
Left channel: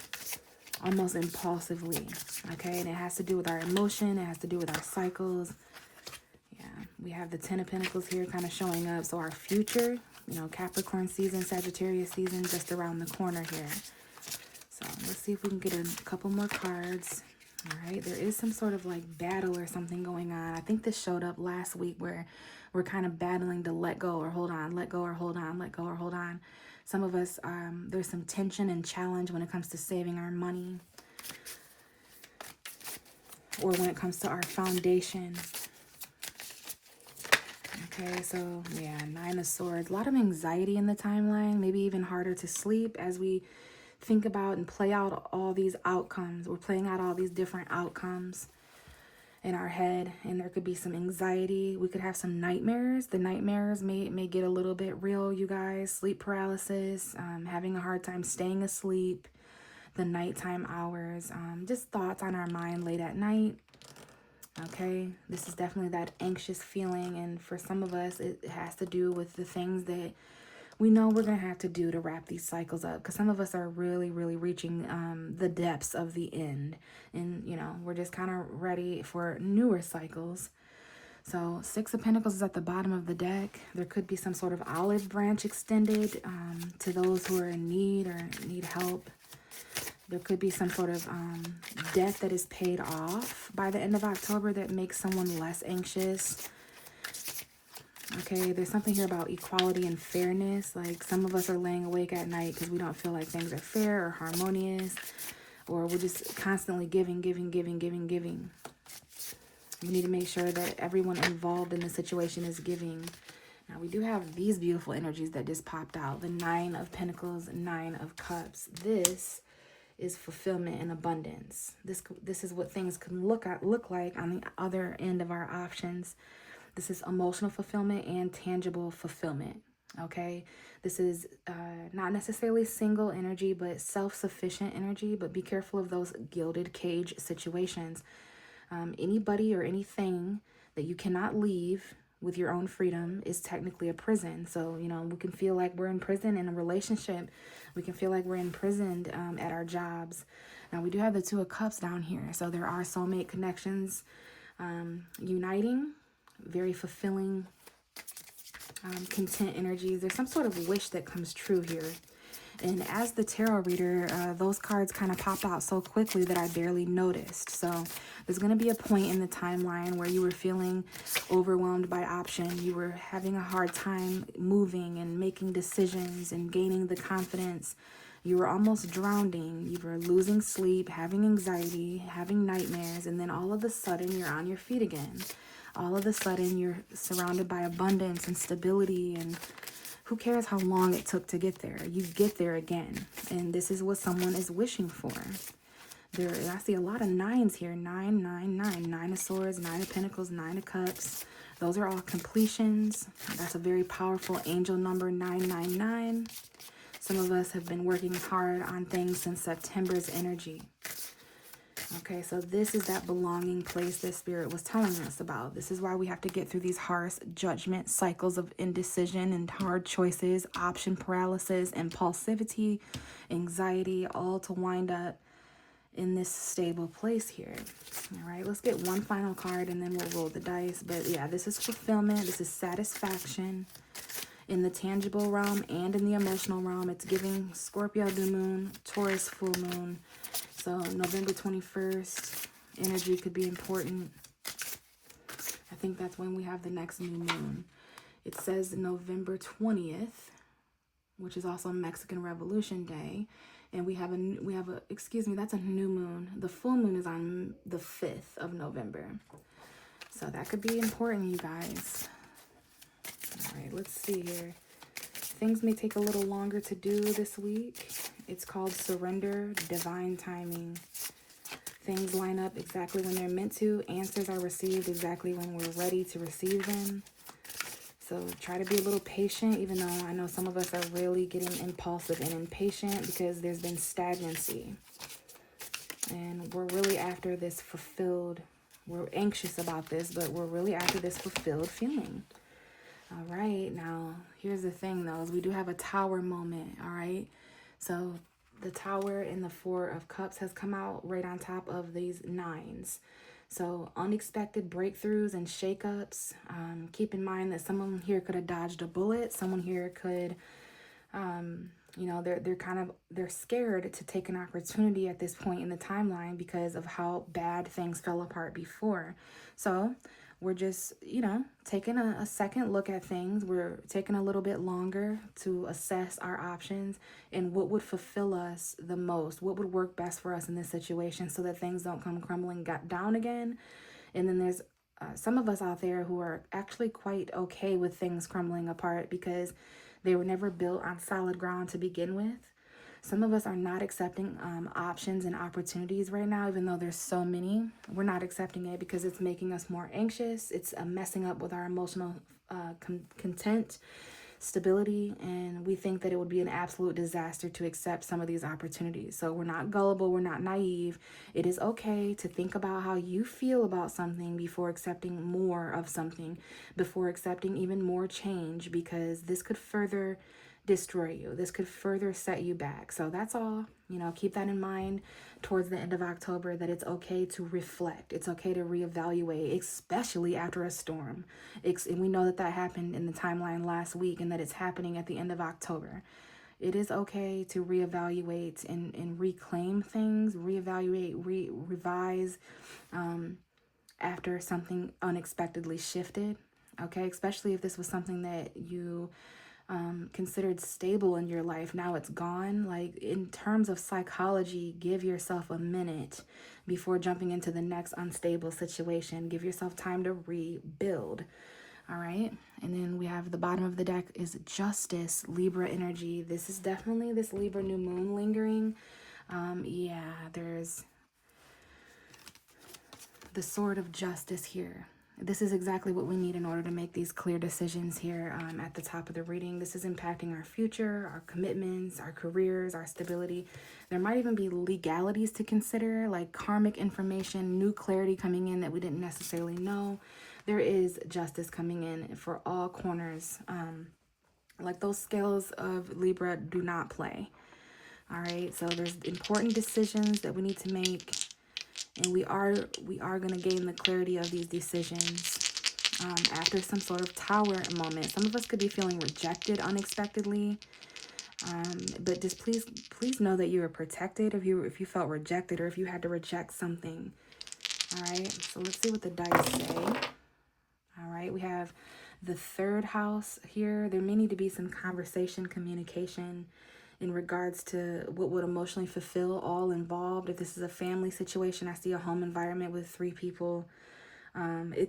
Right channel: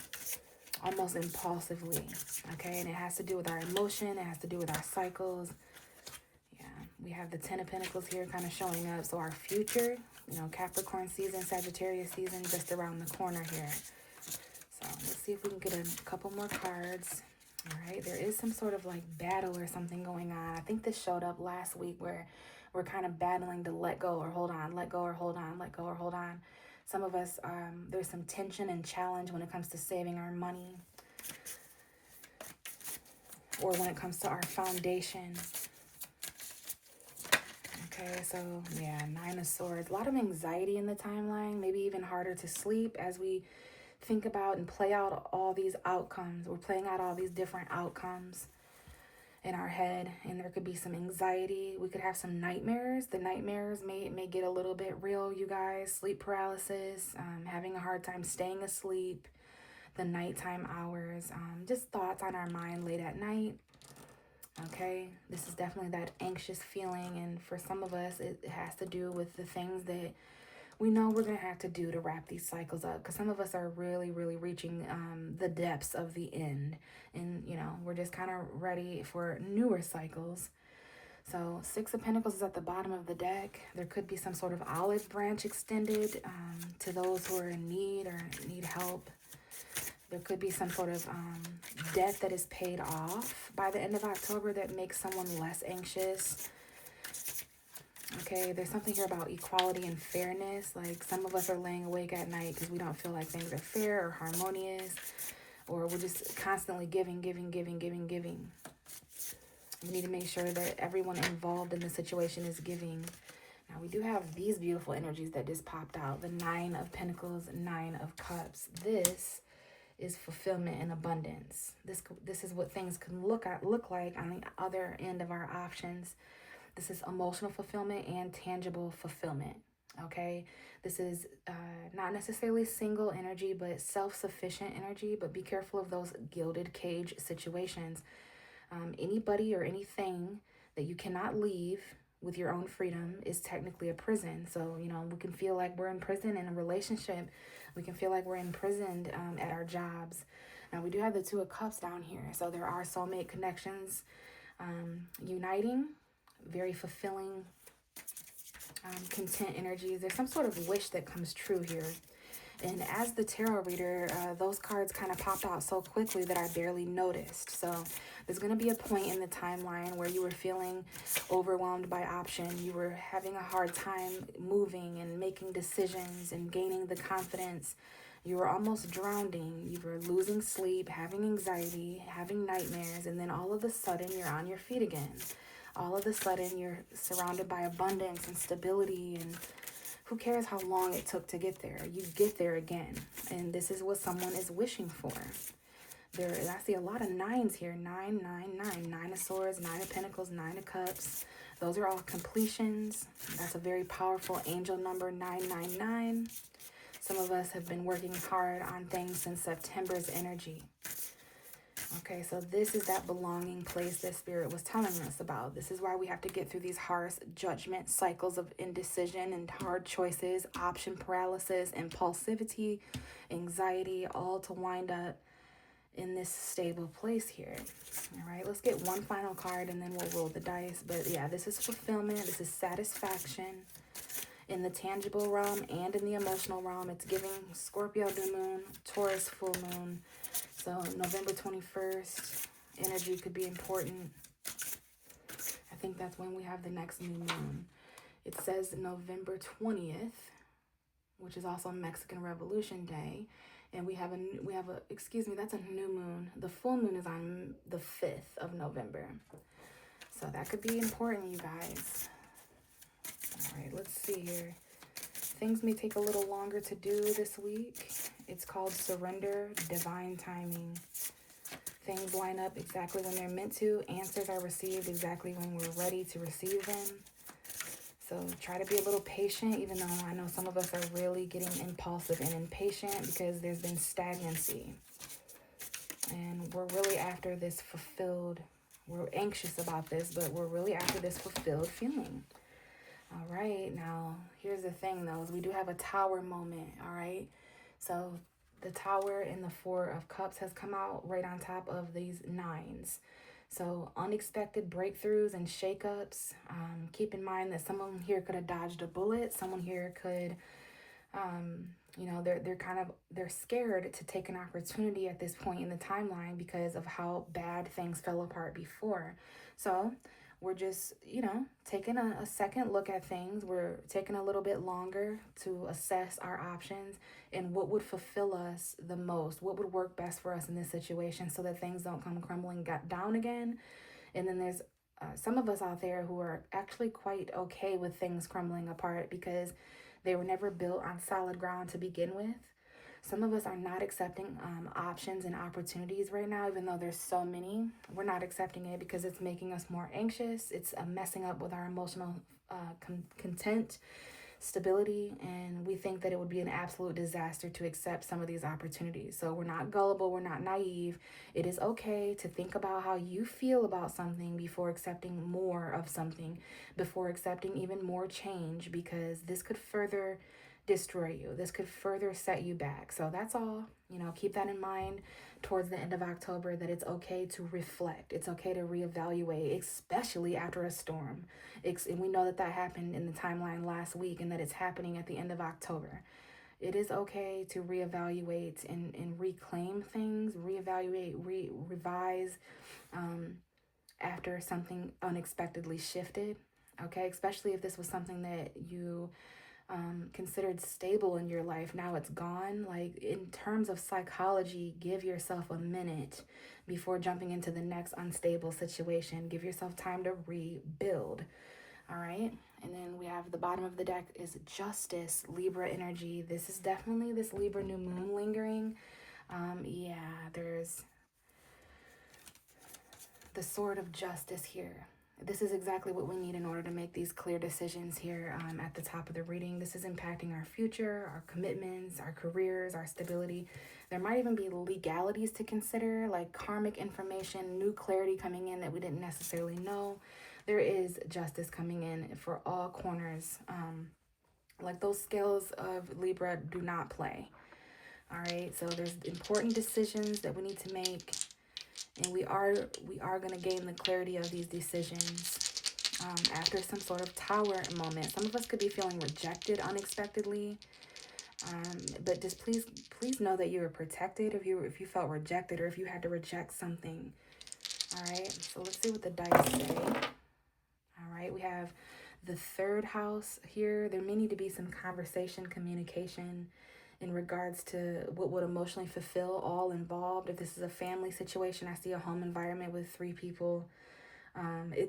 almost impulsively. Okay, and it has to do with our emotion. It has to do with our cycles. Yeah, we have the Ten of Pentacles here kind of showing up. So our future, you know, Capricorn season, Sagittarius season, just around the corner here. So let's see if we can get a couple more cards. All right, there is some sort of like battle or something going on. I think this showed up last week where we're kind of battling to let go or hold on, let go or hold on, let go or hold on. Some of us, there's some tension and challenge when it comes to saving our money, or when it comes to our foundation. Okay, so yeah, Nine of Swords. A lot of anxiety in the timeline, maybe even harder to sleep as we think about and play out all these outcomes. We're playing out all these different outcomes in our head, and there could be some anxiety. We could have some nightmares. The nightmares may get a little bit real, you guys. Sleep paralysis, having a hard time staying asleep, the nighttime hours, just thoughts on our mind late at night. Okay, this is definitely that anxious feeling, and for some of us, it has to do with the things that we know we're going to have to do to wrap these cycles up, because some of us are really, really reaching the depths of the end, and, you know, we're just kind of ready for newer cycles. So Six of Pentacles is at the bottom of the deck. There could be some sort of olive branch extended to those who are in need or need help. There could be some sort of debt that is paid off by the end of October that makes someone less anxious. Okay, there's something here about equality and fairness. Like some of us are laying awake at night because we don't feel like things are fair or harmonious, or we're just constantly giving. We need to make sure that everyone involved in the situation is giving. Now we do have these beautiful energies that just popped out. The Nine of Pentacles, Nine of Cups. This is fulfillment and abundance. This is what things can look like on the other end of our options. This is emotional fulfillment and tangible fulfillment, okay? This is not necessarily single energy, but self-sufficient energy, but be careful of those gilded cage situations. Anybody or anything that you cannot leave with your own freedom is technically a prison. So, you know, we can feel like we're in prison in a relationship. We can feel like we're imprisoned at our jobs. Now, we do have the Two of Cups down here. So there are soulmate connections uniting. Very fulfilling, content energies. There's some sort of wish that comes true here. And as the tarot reader, those cards kind of popped out so quickly that I barely noticed. So there's going to be a point in the timeline where you were feeling overwhelmed by option. You were having a hard time moving and making decisions and gaining the confidence. You were almost drowning. You were losing sleep, having anxiety, having nightmares, and then all of a sudden you're on your feet again. All of a sudden, you're surrounded by abundance and stability, and who cares how long it took to get there? You get there again, and this is what someone is wishing for. I see a lot of nines here. 9, 9, 9. Nine of Swords, Nine of Pentacles, Nine of Cups. Those are all completions. That's a very powerful angel number, 999. Some of us have been working hard on things since September's energy. Okay, so this is that belonging place that Spirit was telling us about. This is why we have to get through these harsh judgment cycles of indecision and hard choices, option paralysis, impulsivity, anxiety, all to wind up in this stable place here. All right, let's get one final card and then we'll roll the dice. But yeah, this is fulfillment. This is satisfaction in the tangible realm and in the emotional realm. It's giving Scorpio new moon, Taurus full moon. So November 21st, energy could be important. I think that's when we have the next new moon. It says November 20th, which is also Mexican Revolution Day. And we have excuse me, that's a new moon. The full moon is on the 5th of November. So that could be important, you guys. All right, let's see here. Things may take a little longer to do this week. It's called surrender, divine timing. Things line up exactly when they're meant to. Answers are received exactly when we're ready to receive them. So try to be a little patient, even though I know some of us are really getting impulsive and impatient because there's been stagnancy. And we're really after this fulfilled, we're anxious about this, but we're really after this fulfilled feeling. All right, now here's the thing though, is we do have a tower moment, all right? So the tower in the Four of Cups has come out right on top of these nines. So unexpected breakthroughs and shakeups. Keep in mind that someone here could have dodged a bullet. Someone here could, they're scared to take an opportunity at this point in the timeline because of how bad things fell apart before. So we're just, taking a second look at things. We're taking a little bit longer to assess our options and what would fulfill us the most, what would work best for us in this situation so that things don't come crumbling down again. And then there's some of us out there who are actually quite okay with things crumbling apart because they were never built on solid ground to begin with. Some of us are not accepting options and opportunities right now, even though there's so many. We're not accepting it because it's making us more anxious. It's messing up with our emotional content, stability, and we think that it would be an absolute disaster to accept some of these opportunities. So we're not gullible, we're not naive. It is okay to think about how you feel about something before accepting more of something, before accepting even more change, because this could further destroy you. This could further set you back. So that's all. Keep that in mind towards the end of October, that it's okay to reflect. It's okay to reevaluate, especially after a storm. And we know that happened in the timeline last week and that it's happening at the end of October. It is okay to reevaluate and reclaim things, reevaluate, revise after something unexpectedly shifted. Okay, especially if this was something that you considered stable in your life. Now it's gone. Like, in terms of psychology, give yourself a minute before jumping into the next unstable situation. Give yourself time to rebuild. All right. And then we have the bottom of the deck is Justice, Libra energy. This is definitely this Libra new moon lingering. There's the Sword of Justice here. This is exactly what we need in order to make these clear decisions here at the top of the reading. This is impacting our future, our commitments, our careers, our stability. There might even be legalities to consider, like karmic information, new clarity coming in that we didn't necessarily know. There is justice coming in for all corners. Like, those scales of Libra do not play. All right, so there's important decisions that we need to make. And we are going to gain the clarity of these decisions after some sort of tower moment. Some of us could be feeling rejected unexpectedly. But just please know that you are protected if you felt rejected or if you had to reject something. All right, so let's see what the dice say. All right, we have the third house here. There may need to be some conversation, communication in regards to what would emotionally fulfill all involved. If this is a family situation, I see a home environment with 3 people.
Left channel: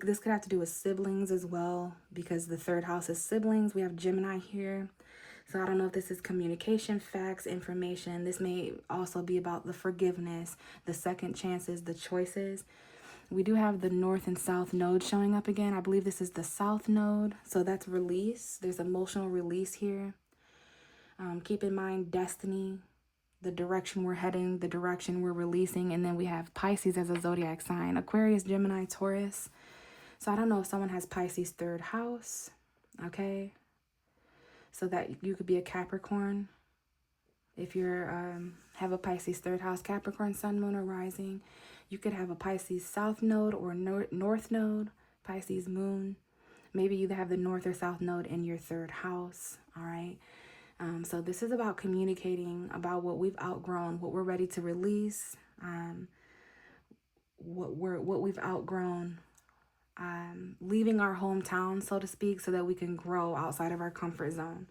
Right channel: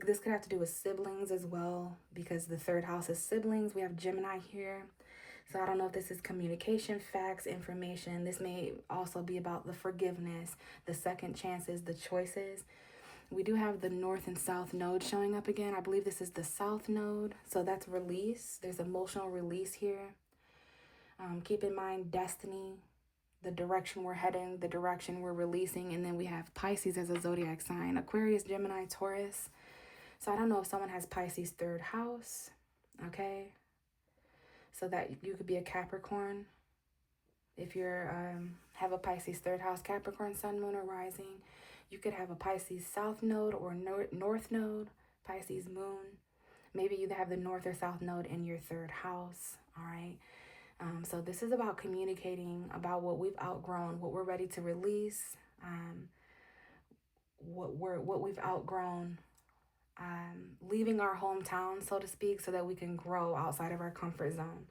This could have to do with siblings as well, because the third house is siblings. We have Gemini here. So I don't know if this is communication, facts, information. This may also be about the forgiveness, the second chances, the choices. We do have the North and South node showing up again. I believe this is the South node. So that's release. There's emotional release here. Keep in mind destiny, the direction we're heading, the direction we're releasing. And then we have Pisces as a zodiac sign. Aquarius, Gemini, Taurus. So I don't know if someone has Pisces third house. Okay. So that you could be a Capricorn. If you're have a Pisces third house, Capricorn, sun, moon, or rising. You could have a Pisces south node or north node, Pisces moon. Maybe you have the north or south node in your third house. All right. So this is about communicating about what we've outgrown, what we're ready to release, what we've outgrown, leaving our hometown, so to speak, so that we can grow outside of our comfort zone.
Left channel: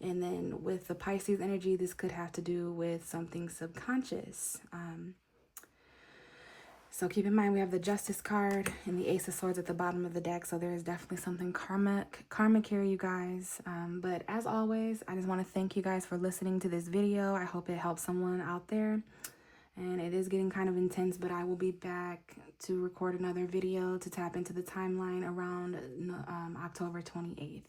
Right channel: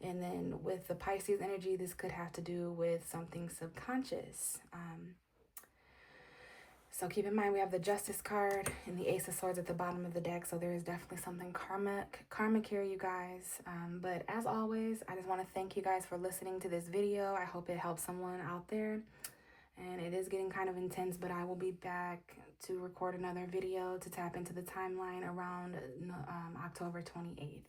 And then with the Pisces energy, this could have to do with something subconscious. So keep in mind we have the Justice card and the Ace of Swords at the bottom of the deck. So there is definitely something karmic here, you guys. But as always, I just want to thank you guys for listening to this video. I hope it helps someone out there. And it is getting kind of intense, but I will be back to record another video to tap into the timeline around October 28th.